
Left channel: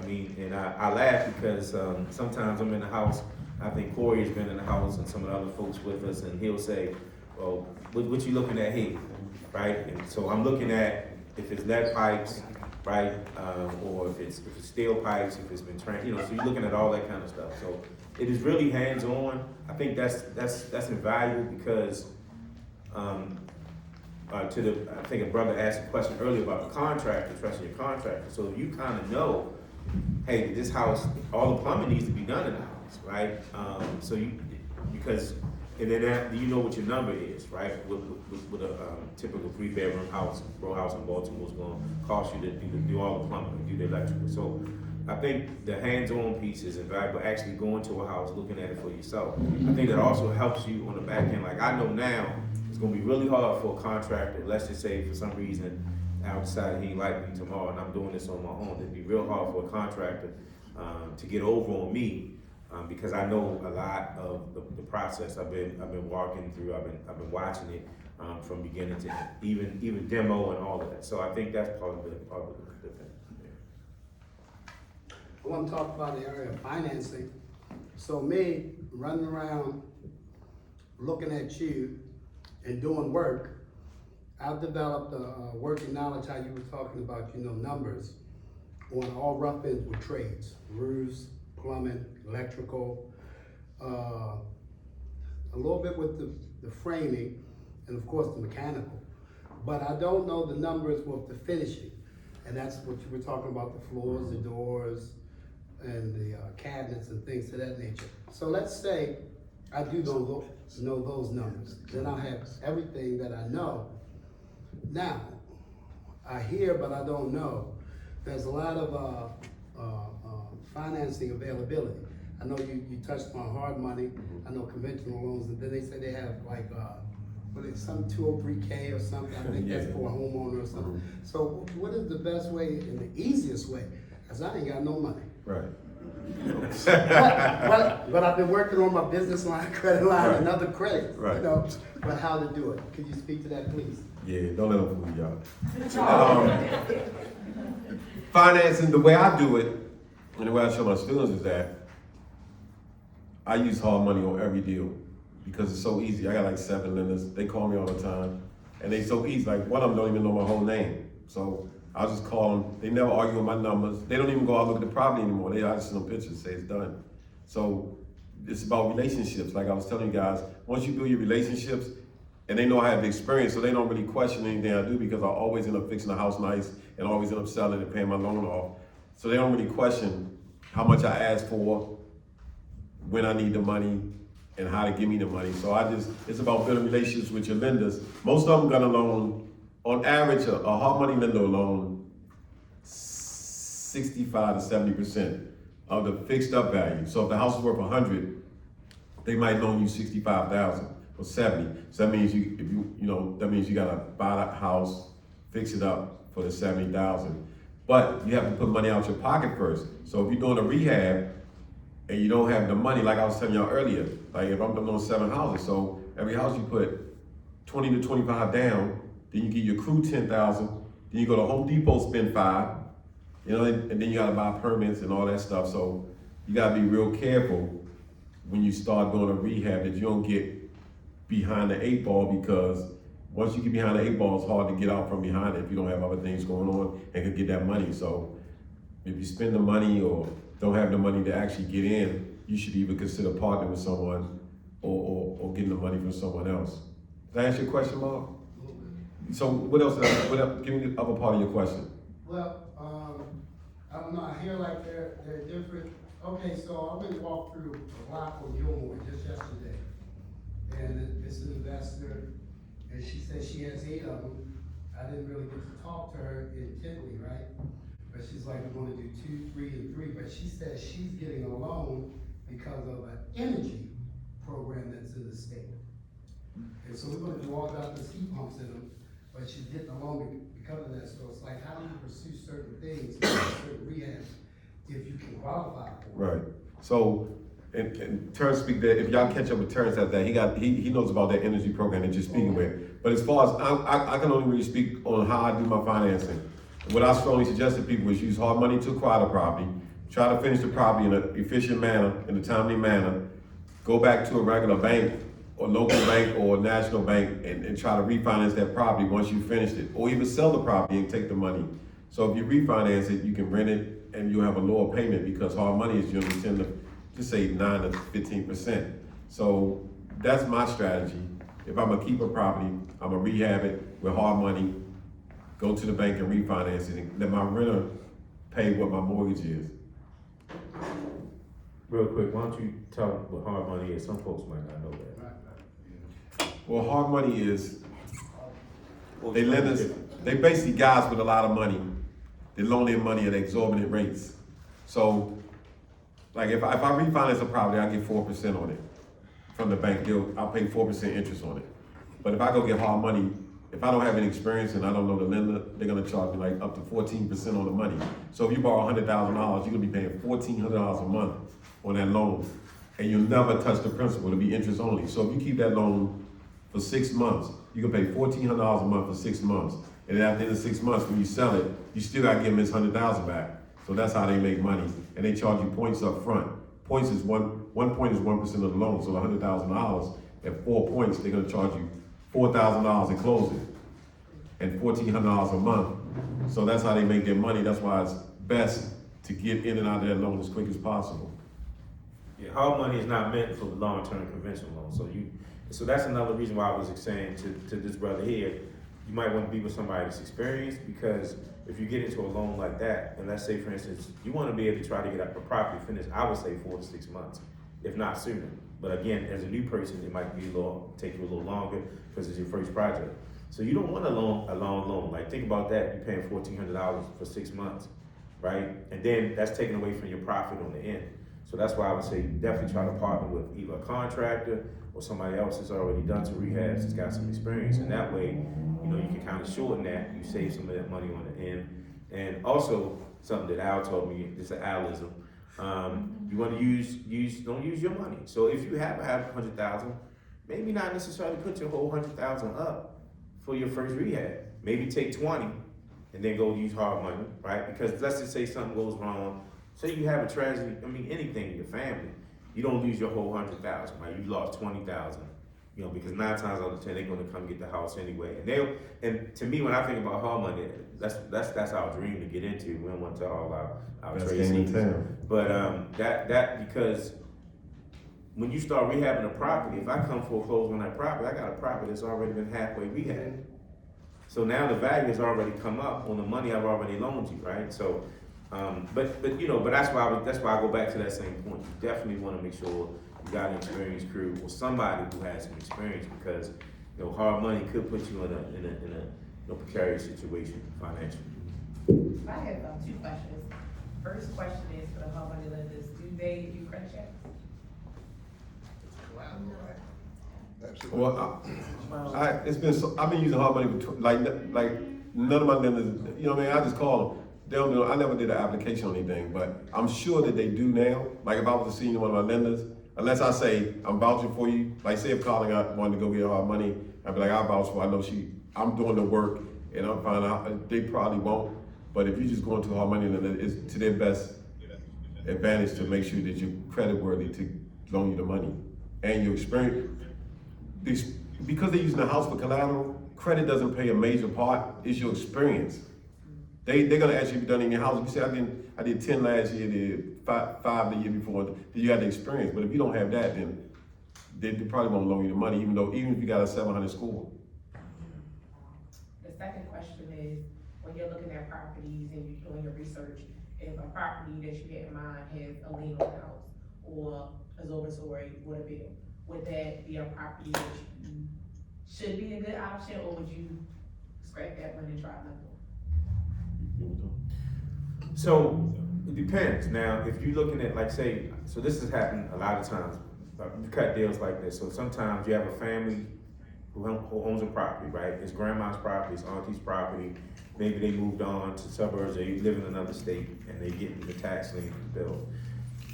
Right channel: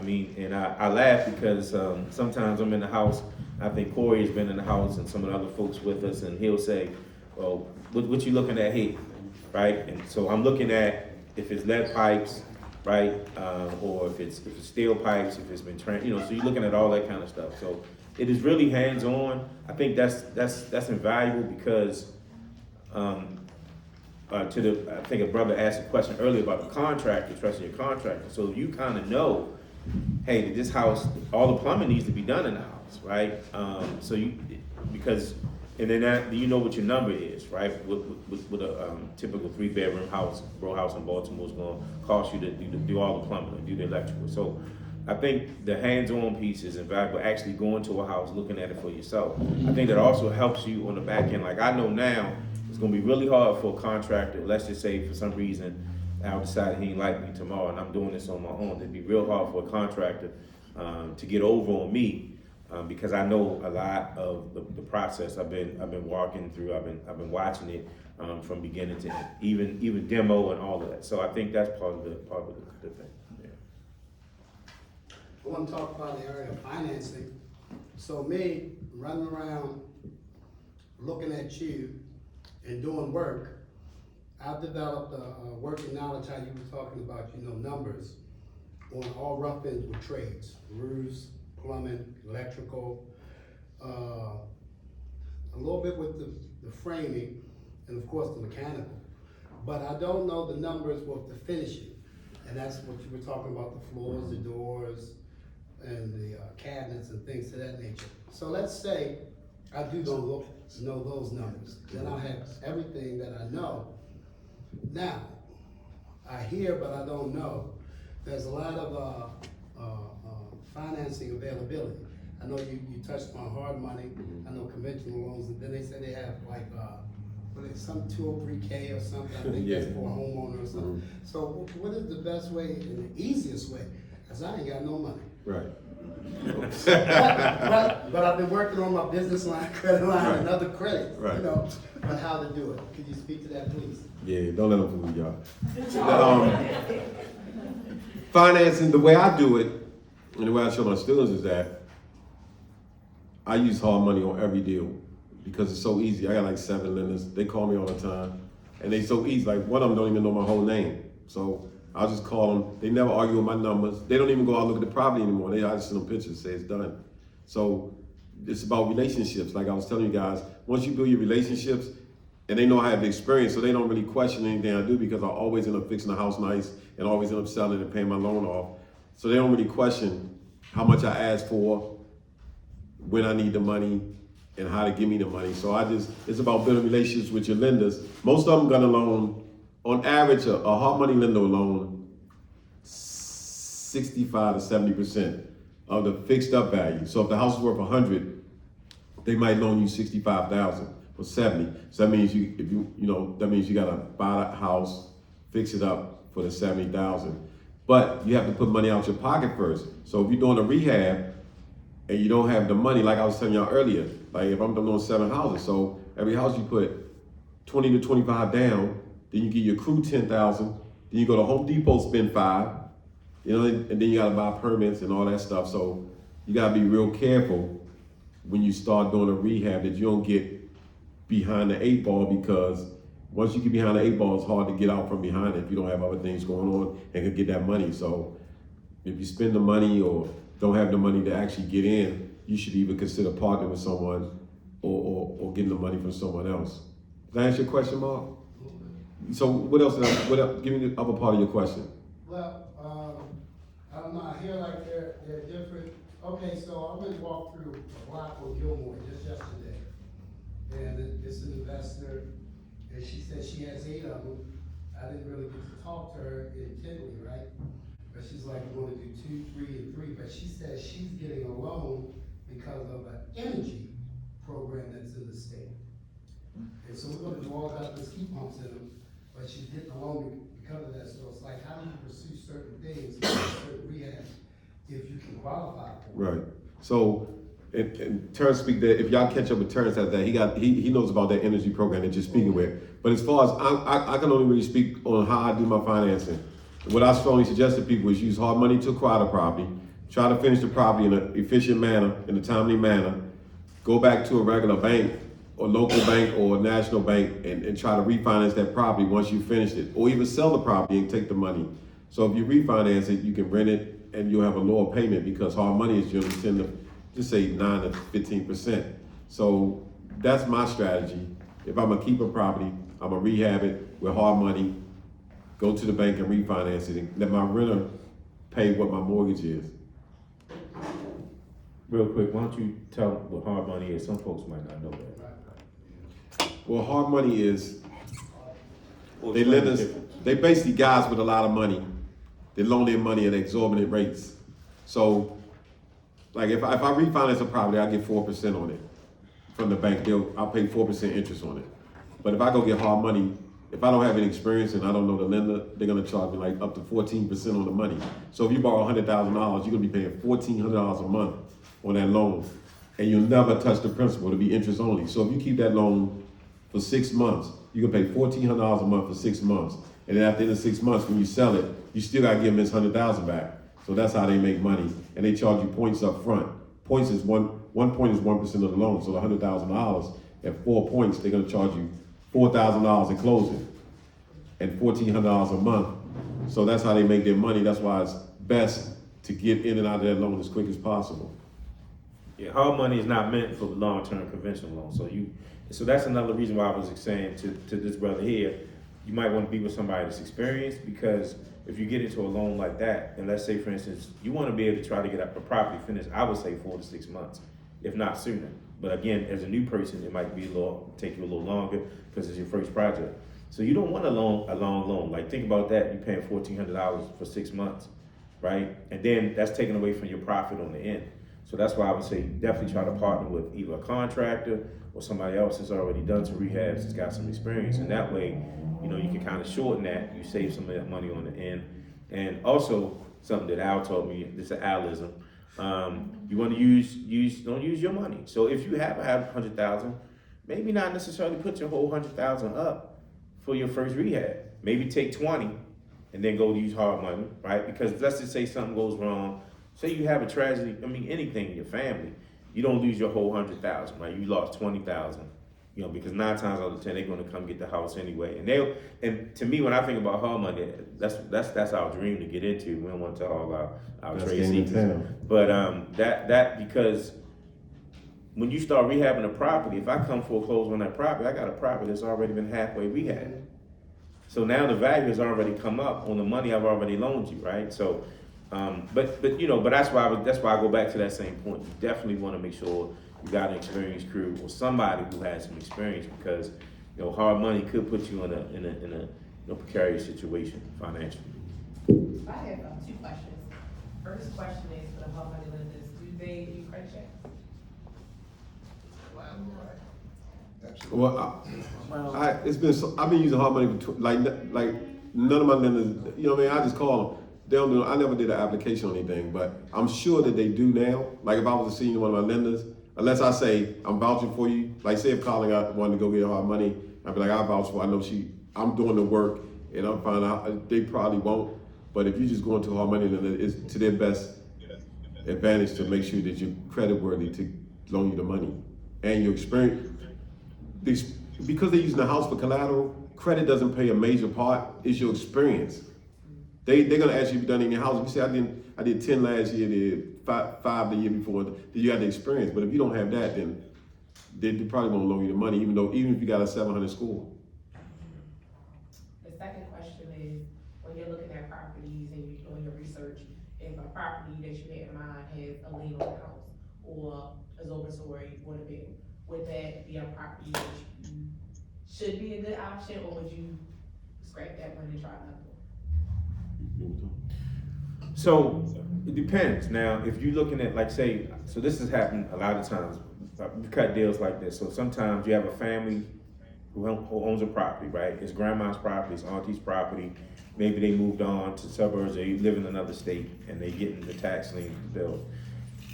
I mean, and I laugh because, sometimes I'm in the house, I think Corey's been in the house and some of the other folks with us, and he'll say, well, what you looking at here, right? And so I'm looking at if it's lead pipes, right? Or if it's steel pipes, if it's been trained, so you're looking at all that kind of stuff. So it is really hands-on. I think that's invaluable because, I think a brother asked a question earlier about the contractor, trusting your contractor. So you kind of know, hey, this house, all the plumbing needs to be done in the house, right? And then you know what your number is, right? With a typical 3-bedroom house, row house in Baltimore is going to cost you to do all the plumbing, do the electrical. So I think the hands-on piece is invaluable. Actually going to a house, looking at it for yourself. I think that also helps you on the back end. Like I know now, it's going to be really hard for a contractor. Let's just say for some reason Al decided he ain't like me tomorrow, and I'm doing this on my own. It'd be real hard for a contractor to get over on me. Because I know a lot of the process. I've been walking through. I've been watching it from beginning to end, even demo and all of that. So I think that's part of the thing. I want to talk about the area of financing. So me, running around, looking at you and doing work, I've developed a working knowledge, how you were talking about, numbers on all rough ends with trades, roofs, plumbing, electrical, a little bit with the framing, and of course the mechanical. But I don't know the numbers with the finishing, and that's what you were talking about, the floors, the doors, and the cabinets and things of that nature. So let's say I do know those numbers, then I'll have everything that I know. Now, I hear but I don't know. There's a lot of financing availability. I know you touched on hard money. I know conventional loans, and then they say they have like, what is some 203K or something. I think that's for a homeowner or something. So what is the best way and the easiest way? Cause I ain't got no money. Right. But I've been working on my business line, credit line, Right. and other credit. Right. But how to do it? Could you speak to that, please? Yeah, don't let them fool y'all. Financing, the way I do it, and the way I show my students is that I use hard money on every deal because it's so easy. I got like 7 lenders. They call me all the time, and they so easy. Like one of them don't even know my whole name, so I'll just call them. They never argue with my numbers. They don't even go out and look at the property anymore. I just send them pictures, say it's done. So it's about relationships. Like I was telling you guys, once you build your relationships, and they know I have the experience, so they don't really question anything I do because I always end up fixing the house nice and always end up selling and paying my loan off. So they don't really question how much I ask for, when I need the money, and how to give me the money. So it's about building relationships with your lenders. Most of them gonna loan, on average, a hard money lender will loan 65 to 70% of the fixed up value. So if the house is worth 100, they might loan you 65,000 for 70. So that means that means you gotta buy the house, fix it up for the 70,000. But you have to put money out your pocket first. So if you're doing a rehab and you don't have the money, like I was telling y'all earlier, like if I'm doing 7 houses, so every house you put 20 to 25 down, then you give your crew 10,000, then you go to Home Depot, spend 5, and then you gotta buy permits and all that stuff. So you gotta be real careful when you start doing a rehab that you don't get behind the 8 ball, because once you get behind the 8 ball, it's hard to get out from behind it if you don't have other things going on and can get that money. So if you spend the money or don't have the money to actually get in, you should either consider partnering with someone or getting the money from someone else. Did I answer your question, Mark? So what else, give me the other part of your question. Well, I don't know, I hear like they're different, okay, so I went and walked through a block on Gilmore just yesterday. And it's an investor, and she said she has 8 of them. I didn't really get to talk to her intently, right? But she's like, we're gonna do 2, 3, and 3, but she says she's getting a loan because of an energy program that's in the state. And so we're gonna do all that with heat pumps in them, but she's getting a loan because of that, so it's like, how do you pursue certain things, certain rehab, if you can qualify for it? Right. So, and Terrence speak that, if y'all catch up with Terrence at that, he knows about that energy program that you're speaking with. But as far as, I can only really speak on how I do my financing. What I strongly suggest to people is use hard money to acquire the property, try to finish the property in an efficient manner, in a timely manner, go back to a regular bank, or local bank, or national bank, and try to refinance that property once you finished it, or even sell the property and take the money. So if you refinance it, you can rent it, and you'll have a lower payment, because hard money is generally 10 to, just say 9 to 15%. So that's my strategy. If I'm gonna keep a property, I'm gonna rehab it with hard money, go to the bank and refinance it, and let my renter pay what my mortgage is. Real quick, why don't you tell them what hard money is? Some folks might not know that. Well, hard money is, they lenders, they basically guys with a lot of money. They loan their money at exorbitant rates. So, like if I refinance a property, I get 4% on it from the bank. I'll pay 4% interest on it. But if I go get hard money, if I don't have any experience and I don't know the lender, they're gonna charge me like up to 14% on the money. So if you borrow $100,000, you're gonna be paying $1,400 a month on that loan, and you'll never touch the principal. It'll be interest only. So if you keep that loan for 6 months, you can pay $1,400 a month for 6 months. And then at the end of 6 months, when you sell it, you still gotta give them this $100,000 back. So that's how they make money. And they charge you points up front. Points is one point is 1% of the loan. So the $100,000 at 4 points, they're gonna charge you $4,000 in closing and $1,400 a month. So that's how they make their money. That's why it's best to get in and out of that loan as quick as possible. Yeah, hard money is not meant for long-term conventional loans. So that's another reason why I was saying to this brother here, you might want to be with somebody that's experienced, because if you get into a loan like that, and let's say for instance, you want to be able to try to get a property finished, I would say 4 to 6 months, if not sooner. But again, as a new person, it might be take you a little longer because it's your first project. So you don't want a long loan. Like think about that, you're paying $1,400 for 6 months, right? And then that's taken away from your profit on the end. So that's why I would say definitely try to partner with either a contractor or somebody else that's already done some rehabs, that's got some experience. And that way, you know, you can kind of shorten that, you save some of that money on the end. And also, something that Al told me, this is Alism, you want to don't use your money. So if you have $100,000, maybe not necessarily put your whole $100,000 up for your first rehab. Maybe take 20 and then go use hard money, right? Because let's just say something goes wrong. Say you have a tragedy, anything in your family, you don't lose your whole $100,000, right? You lost 20,000, you know, because 9 times out of 10 they're going to come get the house anyway. And to me, when I think about hard money, that's our dream to get into. We don't want to tell all our trade secrets. But that because when you start rehabbing a property, if I come foreclose on that property, I got a property that's already been halfway rehabbed. So now the value has already come up on the money I've already loaned you, right? So. But that's why I go back to that same point. You definitely want to make sure you got an experienced crew or somebody who has some experience, because you know hard money could put you in a precarious situation financially. I have 2 questions. First question is for the hard money lenders: do they do credit checks? Well, I've been using hard money for like none of my lenders. You know what I mean? I just call them. They don't do. I never did an application on anything, but I'm sure that they do now. Like if I was to see one of my lenders, unless I say I'm vouching for you. Like say if Colin wanted to go get hard money, I'd be like, I vouch for. I know I'm doing the work, and I'm finding out they probably won't. But if you just go into hard money lender, it's to their best advantage to make sure that you're creditworthy to loan you the money and your experience. Because they're using the house for collateral, credit doesn't play a major part. It's your experience. They're gonna ask you if you've done it in your house. If you say I did 10 last year, did five the year before, then you have the experience. But if you don't have that, then they probably won't loan you the money, even if you got a 700 score. second question is, when you're looking at properties and you're doing your research, if a property that you had in mind has a lien on the house or is overstory with a bill, would that be a property that you should be a good option, or would you scrap that one and try another one? So, it depends. Now, if you're looking at, like, say, so this has happened a lot of times. We cut deals like this. So sometimes you have a family who owns a property, right? It's grandma's property, it's auntie's property. Maybe they moved on to suburbs, they live in another state, and they get the tax lien bill.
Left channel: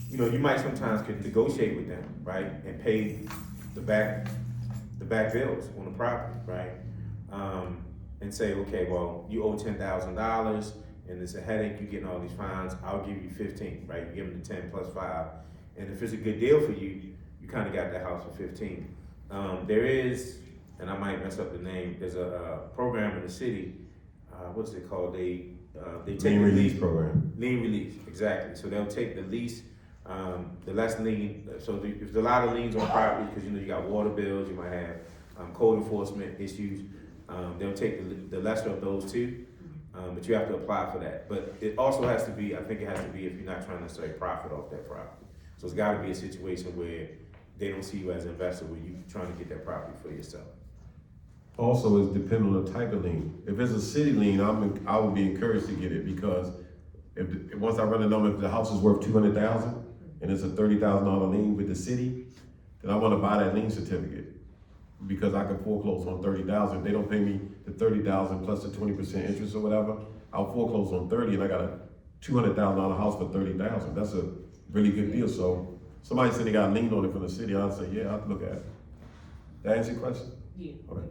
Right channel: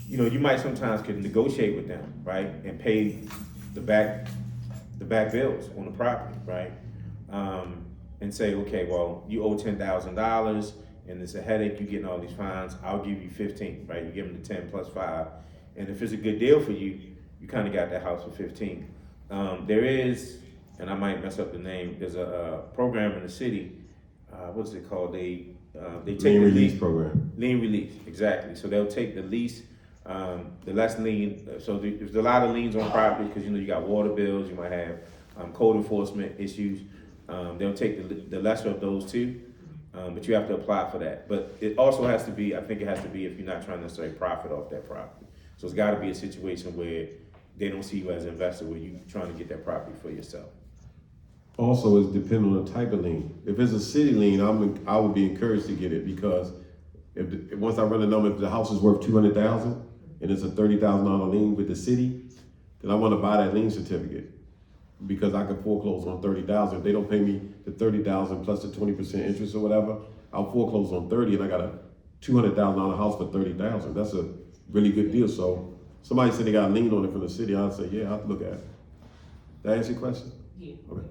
You know, you might sometimes could negotiate with them, right? And pay the back bills on the property, right? And say, okay, well, you owe $10,000 and it's a headache, you're getting all these fines, I'll give you 15, right? You give them the 10 plus 5. And if it's a good deal for you, you kind of got that house for 15. There is, and I might mess up the name, there's a program in the city, what's it called? They take Lien the release lease- program. Lien release, exactly. So they'll take the lease, the less lien, so if there's a lot of liens on property, because you know you got water bills, you might have code enforcement issues, they'll take the lesser of those two, but you have to apply for that. But it also has to be, I think it has to be if you're not trying to necessarily profit off that property. So it's gotta be a situation where they don't see you as an investor, where you're trying to get that property for yourself. Also, it's depending on the type of lien. If it's a city lien, I would be encouraged to get it, because once I run the number, if the house is worth 200,000 and it's a $30,000 lien with the city, then I wanna buy that lien certificate, because I can foreclose on 30,000. If they don't pay me the 30,000 plus the 20% interest or whatever, I'll foreclose on 30 and I got a $200,000 house for 30,000. That's a really good deal. So somebody said they got a lien on it from the city, I'd say, yeah, I'll look at it. Did I answer your question? Yeah. Okay.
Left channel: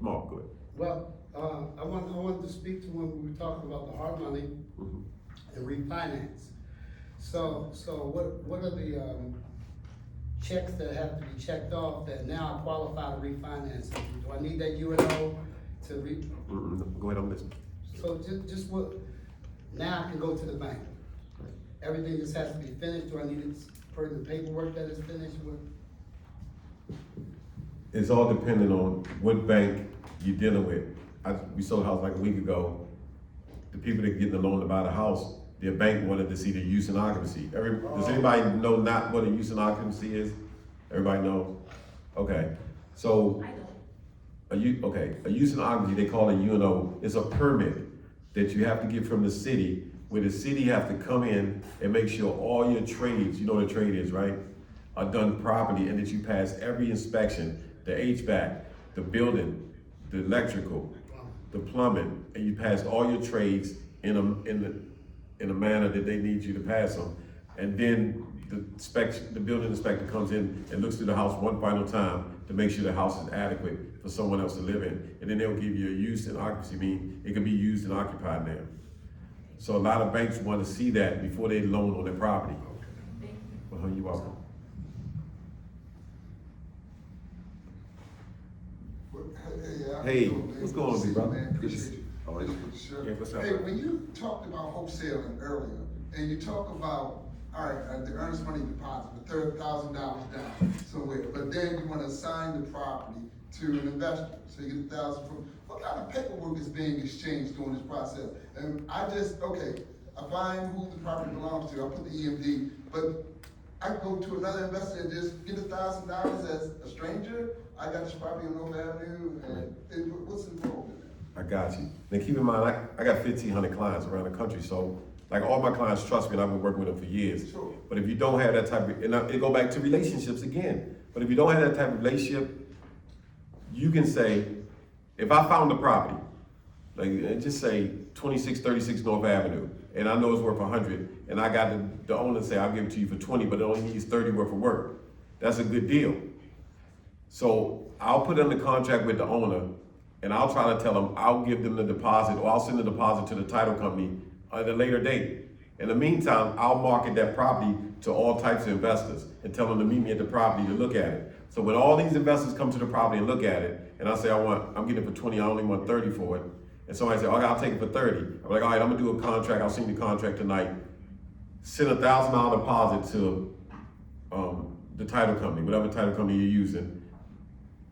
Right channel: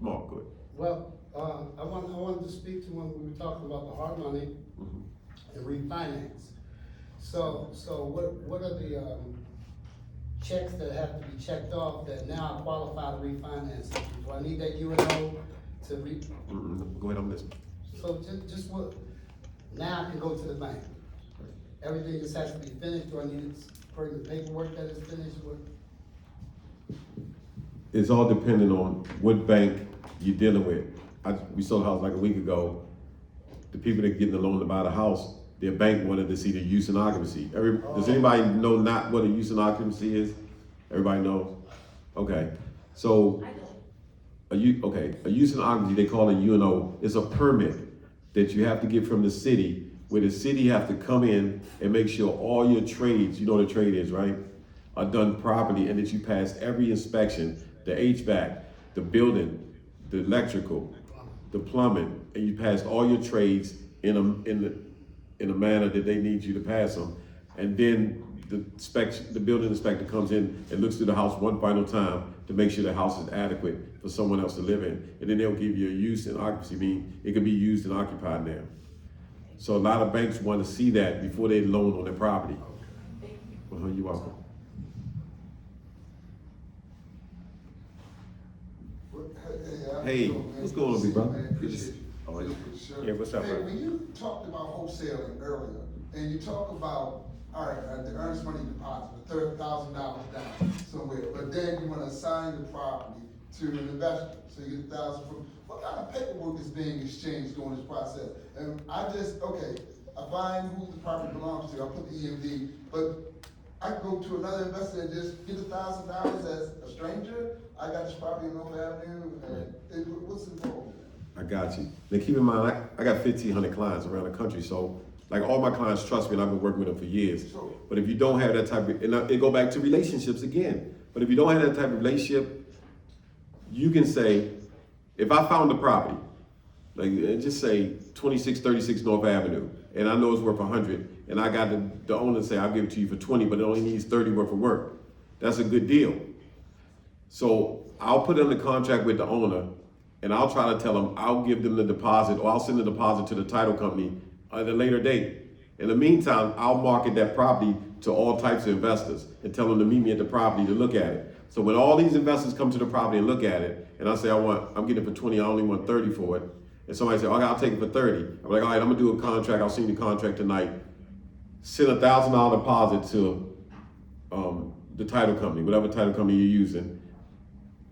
Mark, go ahead. Well, I wanted to speak to when we were talking about the hard money Mhm. and refinance. So what are the, checks that have to be checked off that now qualify to refinance? Do I need that UNO to Go ahead, I'm listening. so just what, now I can go to the bank? Everything just has to be finished, or I need further paperwork that is finished with? It's all dependent on what bank you're dealing with. We sold a house like a week ago. The people that get the loan to buy the house, their bank wanted to see the use and occupancy. Does anybody know not what a use and occupancy is? Everybody knows? Okay, so a use and occupancy, they call it UNO. It's a permit that you have to get from the city, where the city have to come in and make sure all your trades, you know what a trade is, right? Are done properly, and that you pass every inspection, the HVAC, the building, the electrical, the plumbing, and you pass all your trades in a manner that they need you to pass them. And then the building inspector comes in and looks through the house one final time to make sure the house is adequate for someone else to live in. And then they'll give you a use and occupancy, meaning it can be used and occupied now. So a lot of banks want to see that before they loan on their property. You're welcome. Hey, what's going on, big brother? Good to see you. All right. Yeah, what's up, Hey, man? when you talked about wholesaling earlier, and you talk about, all right, the earnest money deposit, the $30,000 down somewhere, but then you wanna assign the property to an investor, so you get 1,000 from, what kind of paperwork is being exchanged during this process? And I find who the property belongs to, I put the EMD, but I go to another investor and just get $1,000 as a stranger. I got this property on North Avenue, and what's involved? I got you. Now keep in mind, I got 1,500 clients around the country, so like all my clients trust me, and I've been working with them for years. Sure. But if you don't have that type of, and it go back to relationships again. But if you don't have that type of relationship, you can say, if I found the property, like just say 2636 North Avenue, and I know it's worth 100, and I got the owner say, I'll give it to you for 20, but it only needs 30 worth of work. That's a good deal. So I'll put in the contract with the owner, and I'll try to tell them I'll give them the deposit, or I'll send the deposit to the title company at a later date. In the meantime, I'll market that property to all types of investors and tell them to meet me at the property to look at it. So when all these investors come to the property and look at it, and I say I'm getting it for 20, I only want 30 for it, and somebody say, okay, I'll take it for 30. I'm like, all right, I'm gonna do a contract, I'll send you the contract tonight. Send $1,000 deposit to the title company, whatever title company you're using.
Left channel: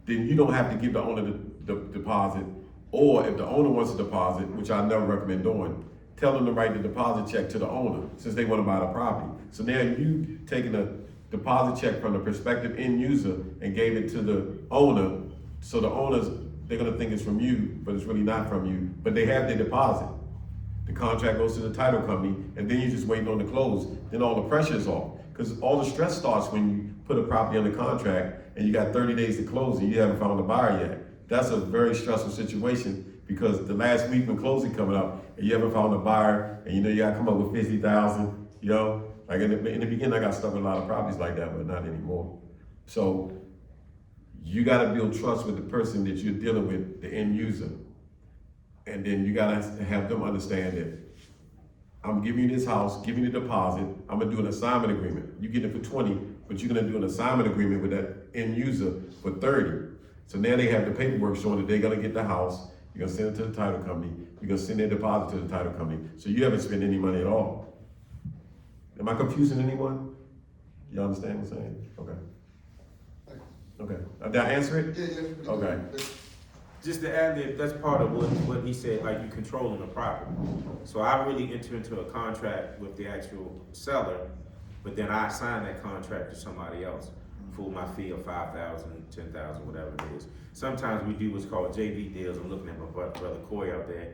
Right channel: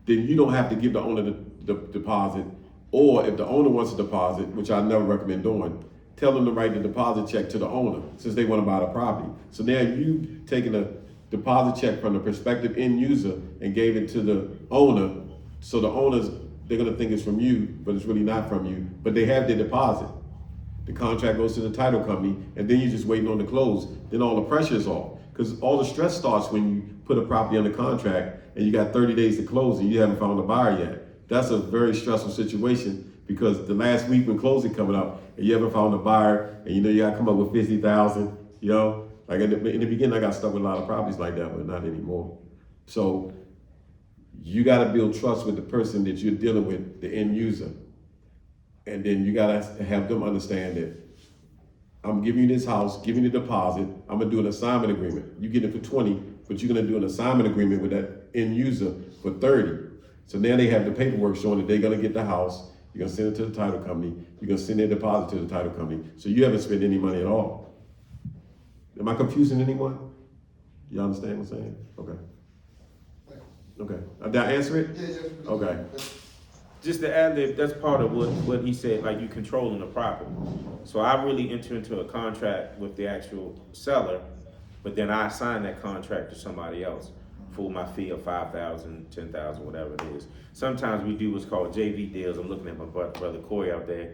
Then you don't have to give the owner deposit, or if the owner wants a deposit, which I never recommend doing, tell them to write the deposit check to the owner, since they wanna buy the property. So now you taking a deposit check from the prospective end user and gave it to the owner, so the owners, they're gonna think it's from you, but it's really not from you, but they have their deposit. The contract goes to the title company, and then you're just waiting on the close, then all the pressure's off. Cause all the stress starts when you put a property under contract and you got 30 days to close and you haven't found a buyer yet. That's a very stressful situation, because the last week when closing coming up and you haven't found a buyer, and you know you gotta come up with 50,000, you know? Like in the beginning, I got stuck with a lot of properties like that, but not anymore. So you gotta build trust with the person that you're dealing with, the end user. And then you gotta have them understand that I'm giving you this house, giving you the deposit, I'm gonna do an assignment agreement. You get it for 20, but you're gonna do an assignment agreement with that end user for 30. So now they have the paperwork showing that they're gonna get the house, you're gonna send it to the title company, you're gonna send their deposit to the title company. So you haven't spent any money at all. Am I confusing anyone? You understand what I'm saying? Okay. Okay, did I answer it? Yeah. Okay. Just to add that, that's part of what he said, like you controlling the property. So I really enter into a contract with the actual seller, but then I assign that contract to somebody else for my fee of 5,000, 10,000, whatever it is. Sometimes we do what's called JV deals. I'm looking at my brother Corey up there.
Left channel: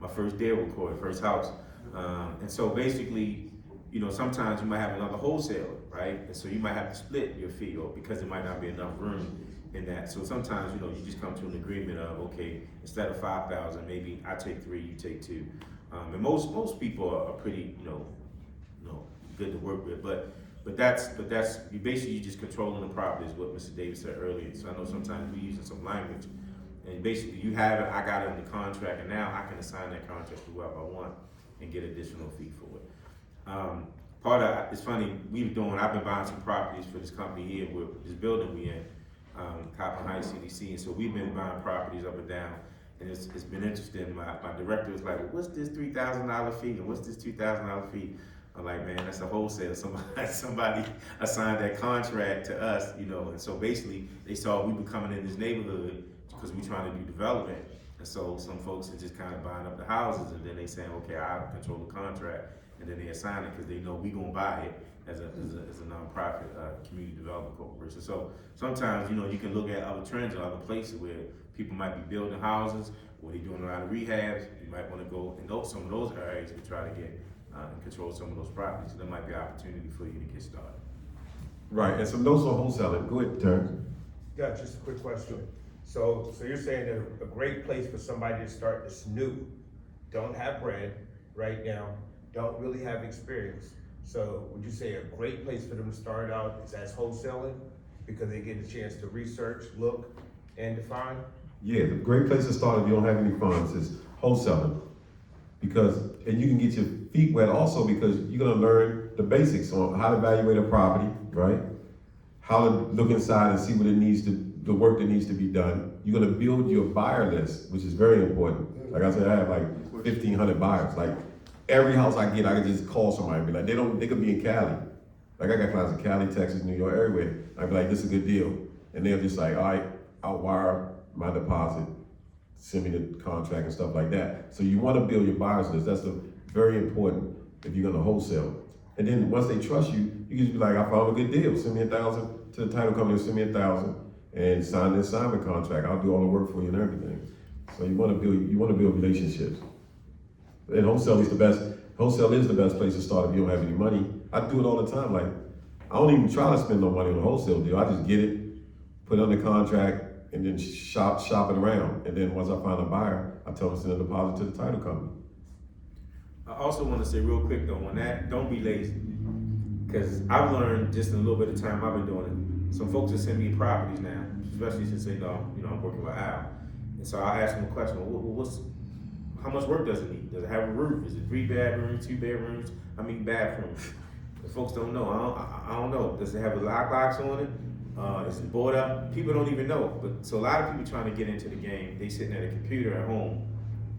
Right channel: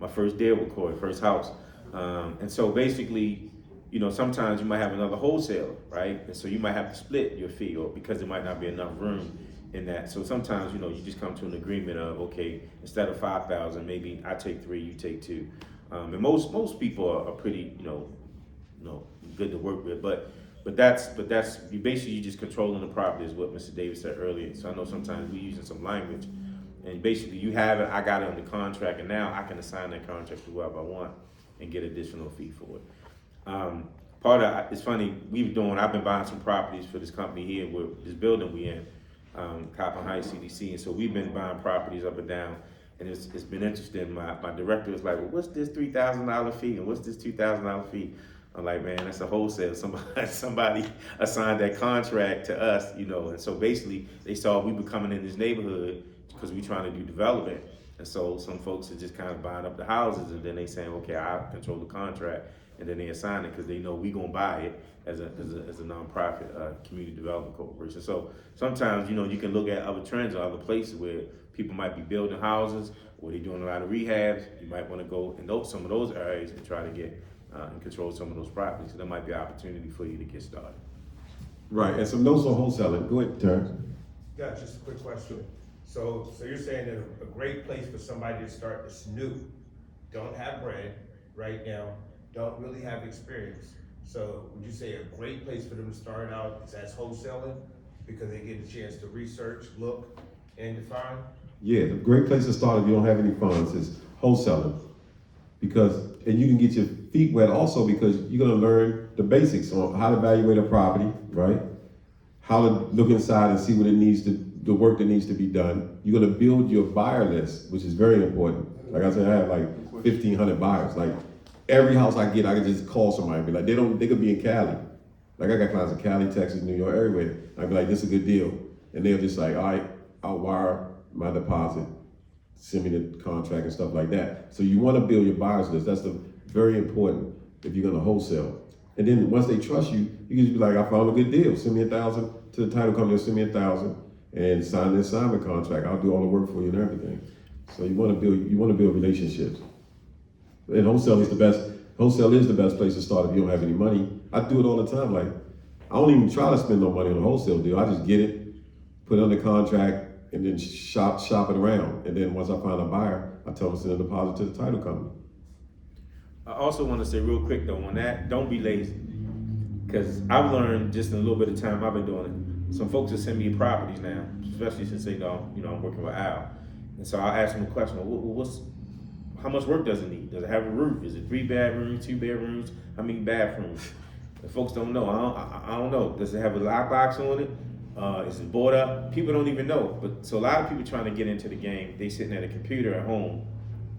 My first deal with Corey, first house. And so basically, you know, sometimes you might have another wholesaler, right? And so you might have to split your fee, or because there might not be enough room in that. So sometimes, you know, you just come to an agreement of, okay, instead of 5,000, maybe I take 3, you take 2. And most people are pretty, you know, good to work with. But that's you basically, you just controlling the property, is what Mr. Davis said earlier. So I know sometimes we're using some language, and basically you have it, I got it under contract, and now I can assign that contract to whoever I want and get additional fee for it. It's funny, I've been buying some properties for this company here, with this building we in. Coppin Heights CDC, and so we've been buying properties up and down, and it's been interesting. My director is like, well, what's this $3,000 fee, and what's this $2,000 fee? I'm like, man, that's a wholesale. Somebody assigned that contract to us, you know, and so basically they saw we were coming in this neighborhood because we're trying to do development, and so some folks are just kind of buying up the houses, and then they saying, okay, I control the contract, and then they assign it because they know we gonna buy it as a nonprofit community development corporation. So sometimes, you know, you can look at other trends or other places where people might be building houses, or they're doing a lot of rehabs. You might want to go in some of those areas to try to get and control some of those properties. So there might be an opportunity for you to get started. Right, and some notes on wholesaling. Go ahead, Terrence. Yeah, just a quick question. So you're saying that a great place for somebody to start is new, don't have brand right now, don't really have experience. So would you say a great place for them to start out is as wholesaling, because they get a chance to research, look, and define? Yeah, the great place to start if you don't have any funds is wholesaling. And you can get your feet wet also, because you're gonna learn the basics on how to evaluate a property, right? How to look inside and see what the work that needs to be done. You're gonna build your buyer list, which is very important. Like I said, I have like 1,500 buyers. Like every house I get, I can just call somebody and be like, they could be in Cali. Like I got clients in Cali, Texas, New York, everywhere. I'd be like, this is a good deal. And they're just like, all right, I'll wire my deposit, send me the contract and stuff like that. So you wanna build your buyers list. That's very important if you're gonna wholesale. And then once they trust you, you can just be like, I found a good deal. Send me 1,000 to the title company, send me 1,000 and sign the assignment contract. I'll do all the work for you and everything. So you wanna build relationships. And wholesale is the best place to start if you don't have any money. I do it all the time. Like, I don't even try to spend no money on a wholesale deal. I just get it, put it under contract, and then shop it around. And then once I find a buyer, I tell them to send a deposit to the title company. I also want to say real quick though, on that, don't be lazy. Because I've learned just in a little bit of time I've been doing it. Some folks will send me properties now, especially since they know, I'm working with Al. And so I'll ask them a question, how much work does it need? Does it have a roof? Is it 3 bedrooms, 2 bedrooms? How many bathrooms? The folks don't know. I don't know. Does it have a lockbox on it? Is it boarded up? People don't even know. So a lot of people trying to get into the game, they sitting at a computer at home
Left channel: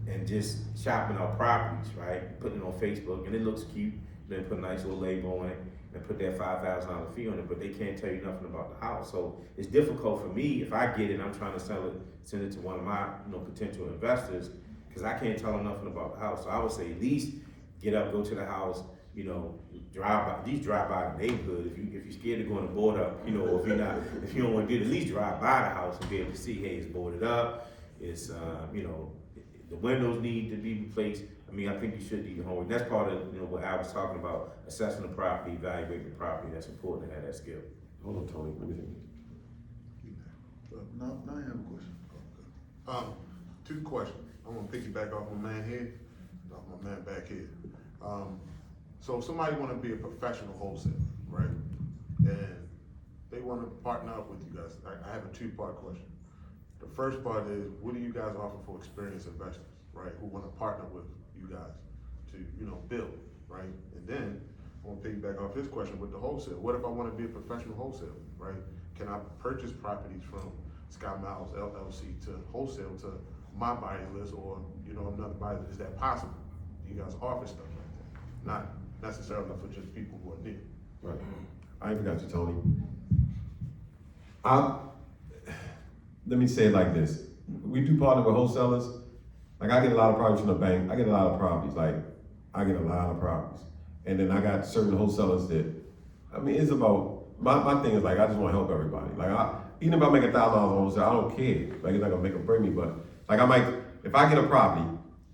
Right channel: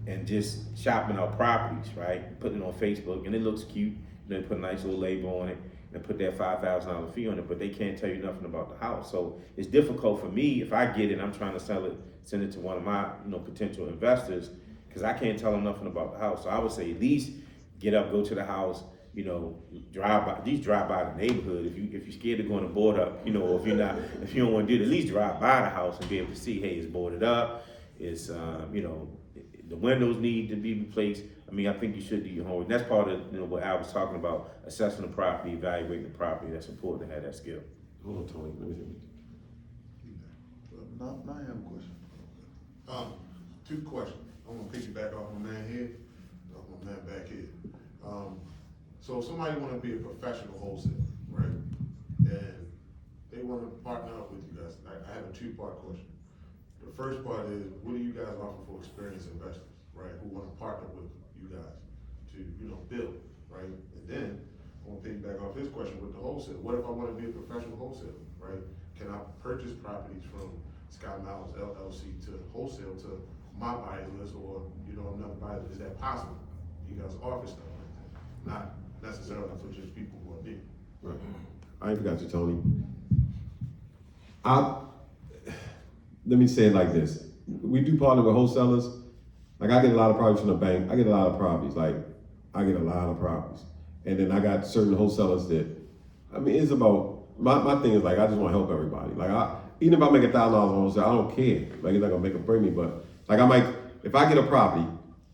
and just shopping out properties, right? Putting it on Facebook, and it looks cute. then put a nice little label on it, and put that $5,000 fee on it, but they can't tell you nothing about the house. So it's difficult for me, if I get it, I'm trying to send it to one of my, potential investors, because I can't tell them nothing about the house. So I would say at least get up, go to the house, at least drive by the neighborhood. If you're scared of going to board up, if you don't want to do it, at least drive by the house and be able to see, hey, it's boarded up, it's, the windows need to be replaced. I mean, I think you should do your homework. That's part of, what Al was talking about, assessing the property, evaluating the property. That's important to have that skill. Hold on, Tony, let me see. Now I have a question. Two questions. I'm gonna piggyback off my man here, off my man back here. So if somebody wanna be a professional wholesaler, right? And they wanna partner up with you guys, I have a two-part question. The first part is, what do you guys offer for experienced investors, right? Who wanna partner with you guys to, build, right? And then, I'm gonna piggyback off his question with the wholesale. What if I wanna be a professional wholesaler, right? Can I purchase properties from Sky Miles LLC to wholesale to my buying list or, another buyer? Is that possible? You guys offer stuff like that, not necessarily for just people who are new. Right. I ain't forgot you, Tony. Let me say it like this. We do partner with wholesalers. Like I get a lot of properties from the bank. I get a lot of properties. And then I got certain wholesalers that, it's about, my thing is like, I just want to help everybody. Like even if I make $1,000 on wholesale, I don't care. Like it's not gonna make or bring me, but like if I get a property,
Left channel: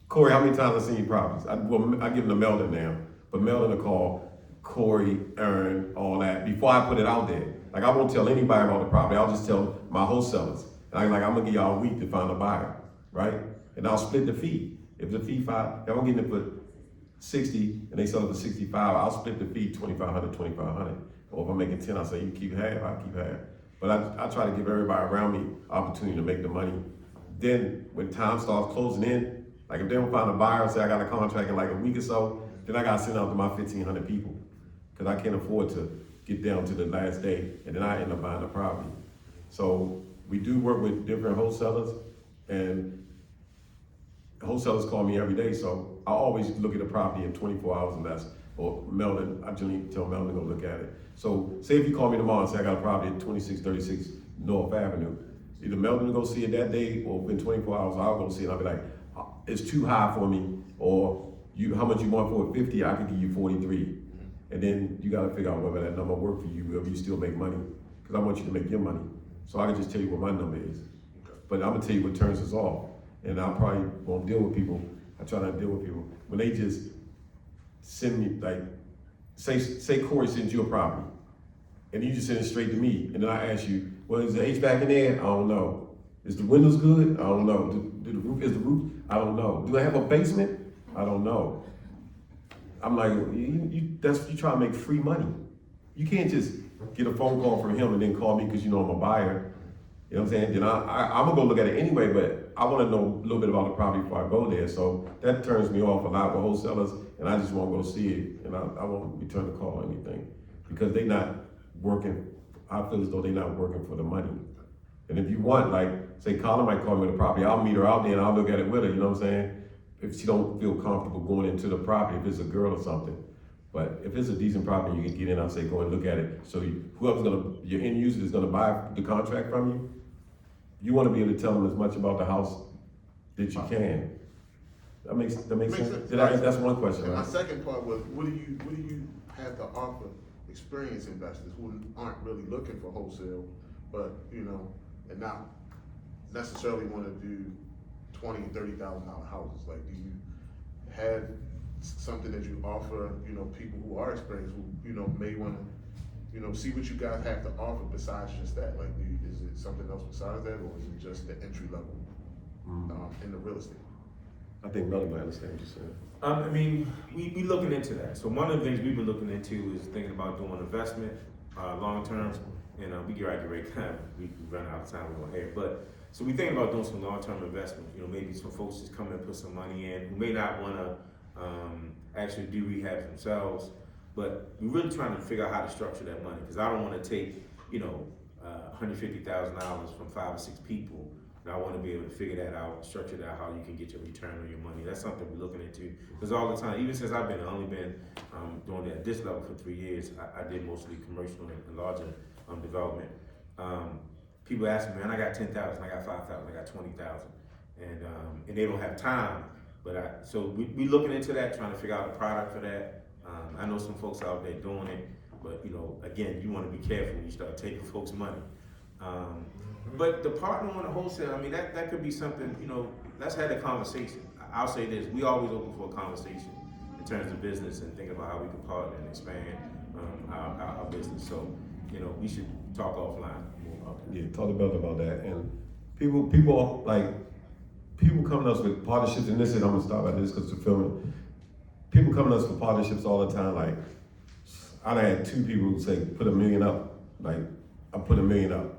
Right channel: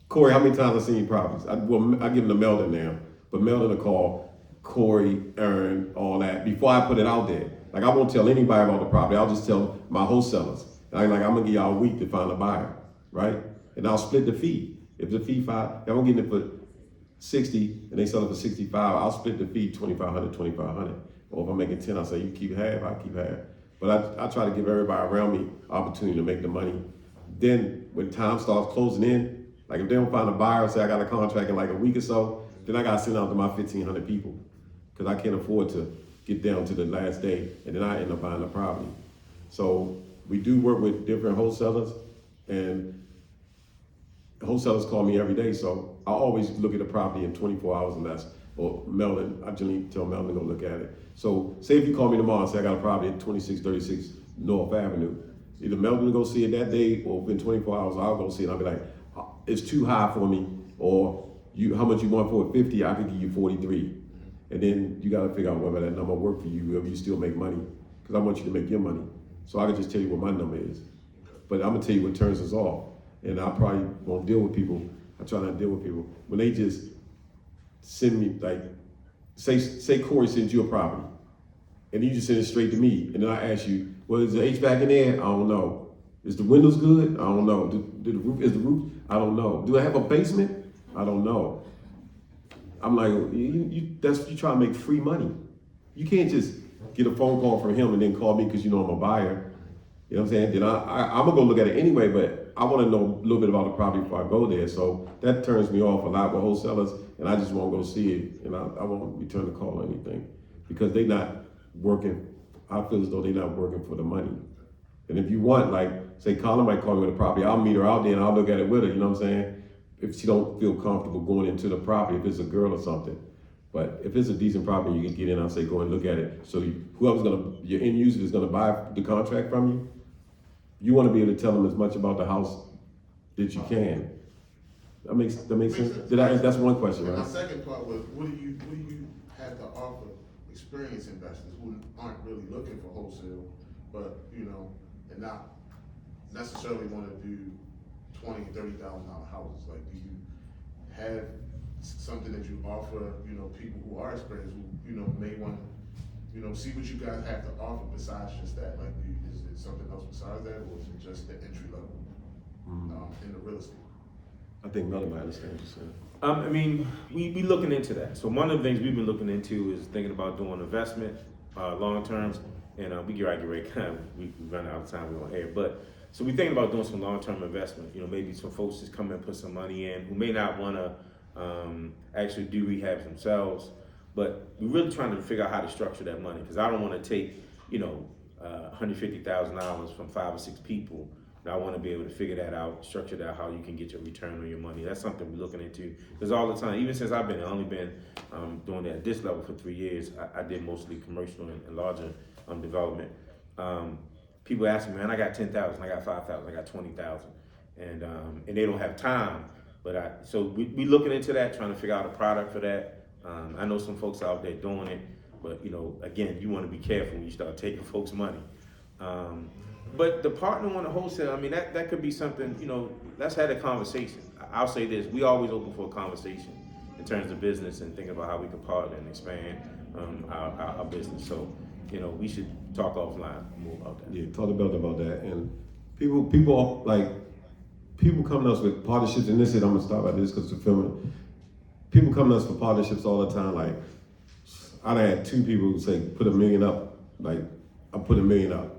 Corey, how many times I seen your properties? I give them to Meldon now, but Meldon will call Corey, Aaron, all that, before I put it out there. Like I won't tell anybody about the property, I'll just tell my wholesalers. I'm gonna give y'all a week to find a buyer, right? And I'll split the fee. If the fee I'm gonna get it for 60 and they sell it for 65, I'll split the fee 2,500. Or if I'm making 10, I'll say you keep half, I keep half. But I try to give everybody around me opportunity to make the money. Then when time starts closing in, like if they don't find a buyer, say I got a contract in like a week or so, then I gotta send out to my 1,500 people. Cause I can't afford to get down to the last day and then I end up buying the property. So we do work with different wholesalers and wholesalers call me every day. So I always look at the property in 24 hours or less. Or Meldon, I generally tell Meldon to go look at it. So say if you call me tomorrow and say I got a property at 2636 North Avenue, either Meldon will go see it that day or within 24 hours I'll go see it and I'll be like, it's too high for me, or how much you want for it? 50, I could give you 43. And then you gotta figure out whether that number work for you, whether you still make money. Cause I want you to make your money. So I can just tell you what my number is. But I'm gonna tell you what turns us off. And I probably won't deal with people. I try not to deal with people. When they just send me, like, say Corey sends you a property, and you just send it straight to me, and then I ask you, well, is the HVAC in there? I don't know. Is the windows good? I don't know. Is the roof? I don't know. Do I have a basement? I don't know. I'm like, you try to make free money. You can't just get a phone call from him and then call me because you know I'm a buyer. You know what I'm saying? Then I'm gonna go look at it anyway, but I wanna know a little bit about the property before I go there. So that turns me off a lot with wholesalers, and I just won't go see it, and I won't return the call or anything because they not working. I feel as though they're not working for the money. And if you want, like, say Colin might call me with a property, I'll meet her out there and I'll look at it with her, you know what I'm saying? If she don't feel comfortable going into the property, if it's a girl or something. But if it's a decent property, you can get in, I'll say, go and look at it. So your end user is gonna buy the contract from you, you wanna be able to tell them as much about the house that you can. That makes sense? That's one question, And right? my second part was, what do you have to offer experienced investors who aren't really looking for wholesale, but, and not necessarily wanna do $20,000 and $30,000 houses? Like, do you have something that you offer, people who are experienced, who, may wanna, see what you guys have to offer besides just that? Like, is it something else besides that, or is it just the entry level, in the real estate? I think Melody might understand what you're saying. I mean, we looking into that. So one of the things we've been looking into is thinking about doing investment, long term, and we get ready, we run out of time, we won't hear. But so we think about doing some long term investment. Maybe some folks just come and put some money in who may not want to actually do rehabs themselves, but we're really trying to figure out how to structure that money because I don't want to take $150,000 from 5 or 6 people But I wanna be able to figure that out, structure that, how you can get your return on your money. That's something we're looking into, because all the time, even since I've only been doing it at this level for 3 years, I did mostly commercial and larger development. People ask me, man, I got 10,000, I got 5,000, I got 20,000, and they don't have time. But so we looking into that, trying to figure out a product for that. I know some folks out there doing it, but again, you want to be careful when you start taking folks' money. But the partner on the wholesale, I mean, that could be something. Let's have a conversation. I'll say this: we always open for a conversation in terms of business and thinking about how we can partner and expand our business. So, we should talk offline more about that. Yeah, talk about that. And people coming to us with partnerships, and I'm gonna stop at this because we're filming. People coming to us for partnerships all the time. Like, I had 2 people who say, put $1 million up. Like, I put $1 million up,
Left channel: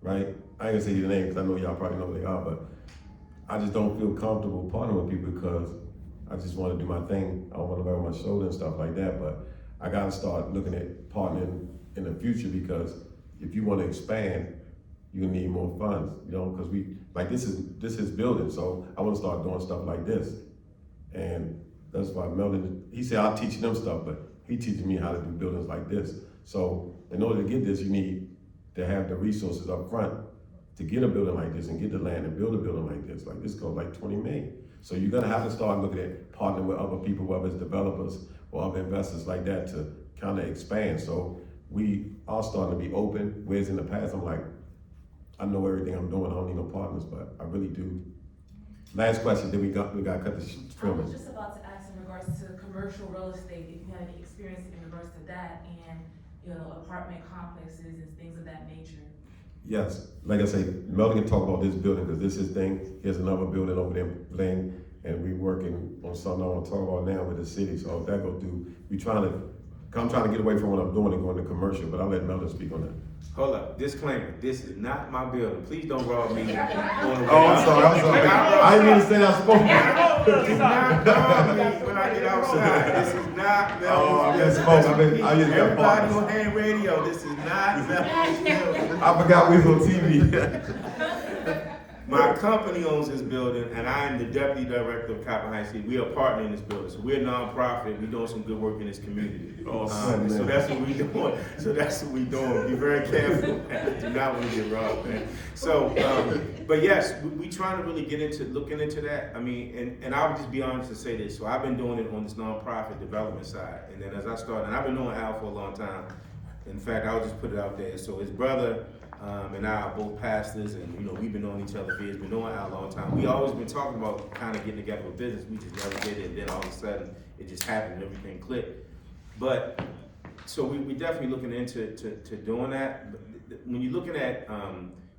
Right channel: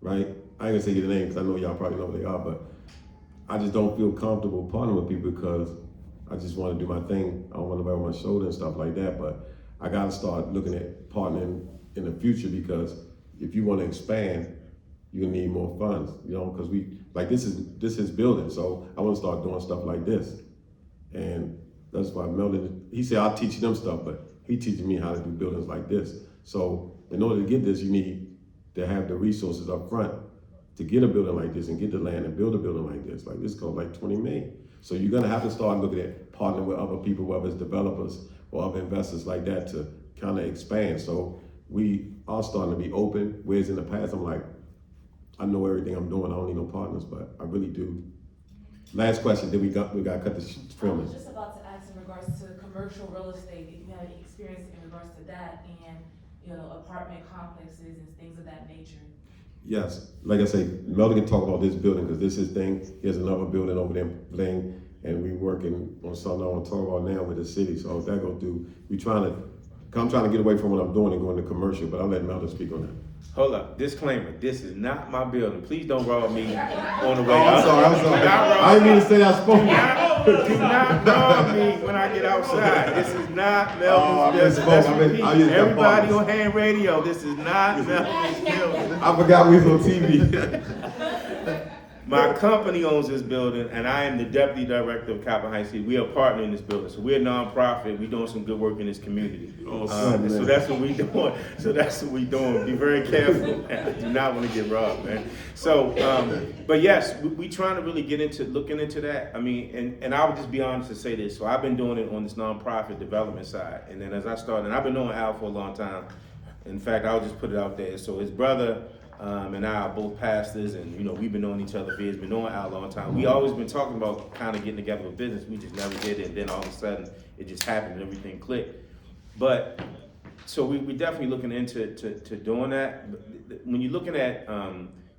right? I ain't gonna say your name because I know y'all probably know who they are, but I just don't feel comfortable partnering with people because I just want to do my thing. I don't want to wear my shoulder and stuff like that, but I gotta start looking at partnering in the future, because if you want to expand, you're gonna need more funds, because this is building, so I want to start doing stuff like this. And that's why Meldon, he said, I'll teach them stuff, but he teaches me how to do buildings like this. So in order to get this, you need to have the resources up front to get a building like this and get the land and build a building like this. Like this costs like 20 million. So you're gonna have to start looking at partnering with other people, whether it's developers or other investors like that, to kind of expand. So we are starting to be open, whereas in the past, I'm like, I know everything I'm doing, I don't need no partners, but I really do. Last question, then we got to cut the filming. I was just about to ask in regards to commercial real estate, if you had any experience in regards to that and, apartment complexes and things of that nature. Yes, like I say, Meldon can talk about this building because this is thing. Here's another building over there thing, and we working on something I want to talk about now with the city. So if that go through, I'm trying to get away from what I'm doing and go into commercial, but I'll let Meldon speak on that. Hold up, disclaimer, this is not my building. Please don't rob me on the way. Oh, I'm sorry. I didn't mean to say I spoke. Do not rob me when I get outside. This is not Meldon's building. Everybody on hand radio, this is not Meldon's building. I forgot we was on TV. My company owns this building, and I am the deputy director of Copper Heights City. We are partnering in this building, so we're a nonprofit. We're doing some good work in this community. Oh, so that's what we're doing. Be very careful. Do not want to get robbed, man. So, but yes, we trying to really looking into that. I mean, and I would just be honest to say this. So I've been doing it on this nonprofit development side, and then as I started, and I've been knowing Al for a long time. In fact, I'll just put it out there. So his brother and I are both pastors, and we've been knowing each other for years, been knowing Al a long time. We always been talking about kind of getting together with business. We just never did it, and then all of a sudden it just happened. Everything clicked. But so we definitely looking into doing that. But when you're looking at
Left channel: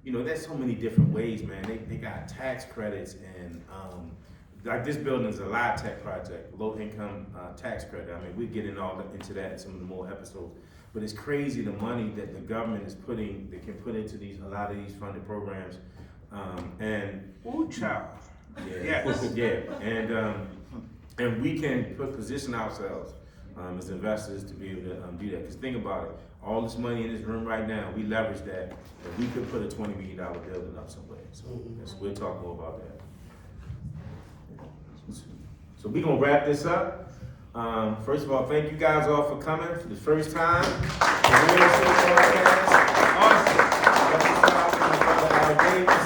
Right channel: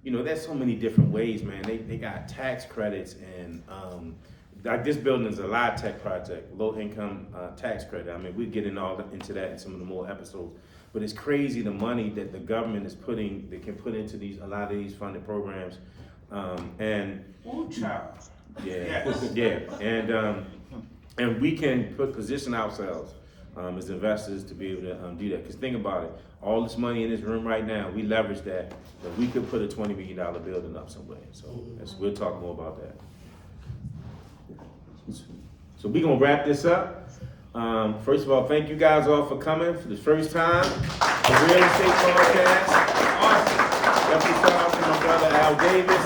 there's so many different ways, man. They got tax credits, and like this building is a live tech project, low income tax credit. I mean, we get into that in some of the more episodes. But it's crazy the money that the government can put into a lot of these funding programs, and child. yeah, yeah, and we can position ourselves as investors to be able to do that. Because think about it, all this money in this room right now, we leverage that, and we could put a $20 million building up somewhere. So we'll talk more about that. So we're gonna wrap this up. First of all, thank you guys all for coming for the first time. The Real Estate Podcast. Awesome. Definitely shout out to my brother Al Davis.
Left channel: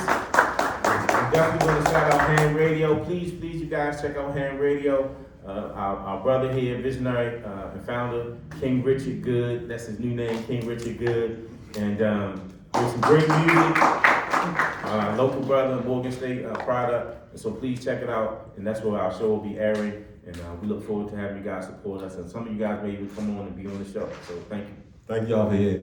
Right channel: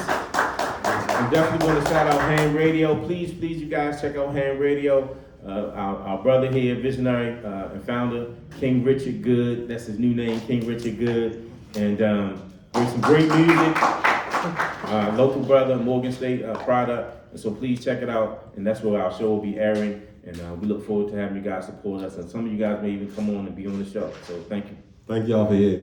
We definitely want to shout out Ham Radio. Please, you guys check out Ham Radio. Our brother here, visionary and founder, King Richard Good. That's his new name, King Richard Good. And there's some great music. Local brother, Morgan State product. And so please check it out. And that's where our show will be airing. And we look forward to having you guys support us. And some of you guys may even come on and be on the show. So thank you. Thank y'all for here.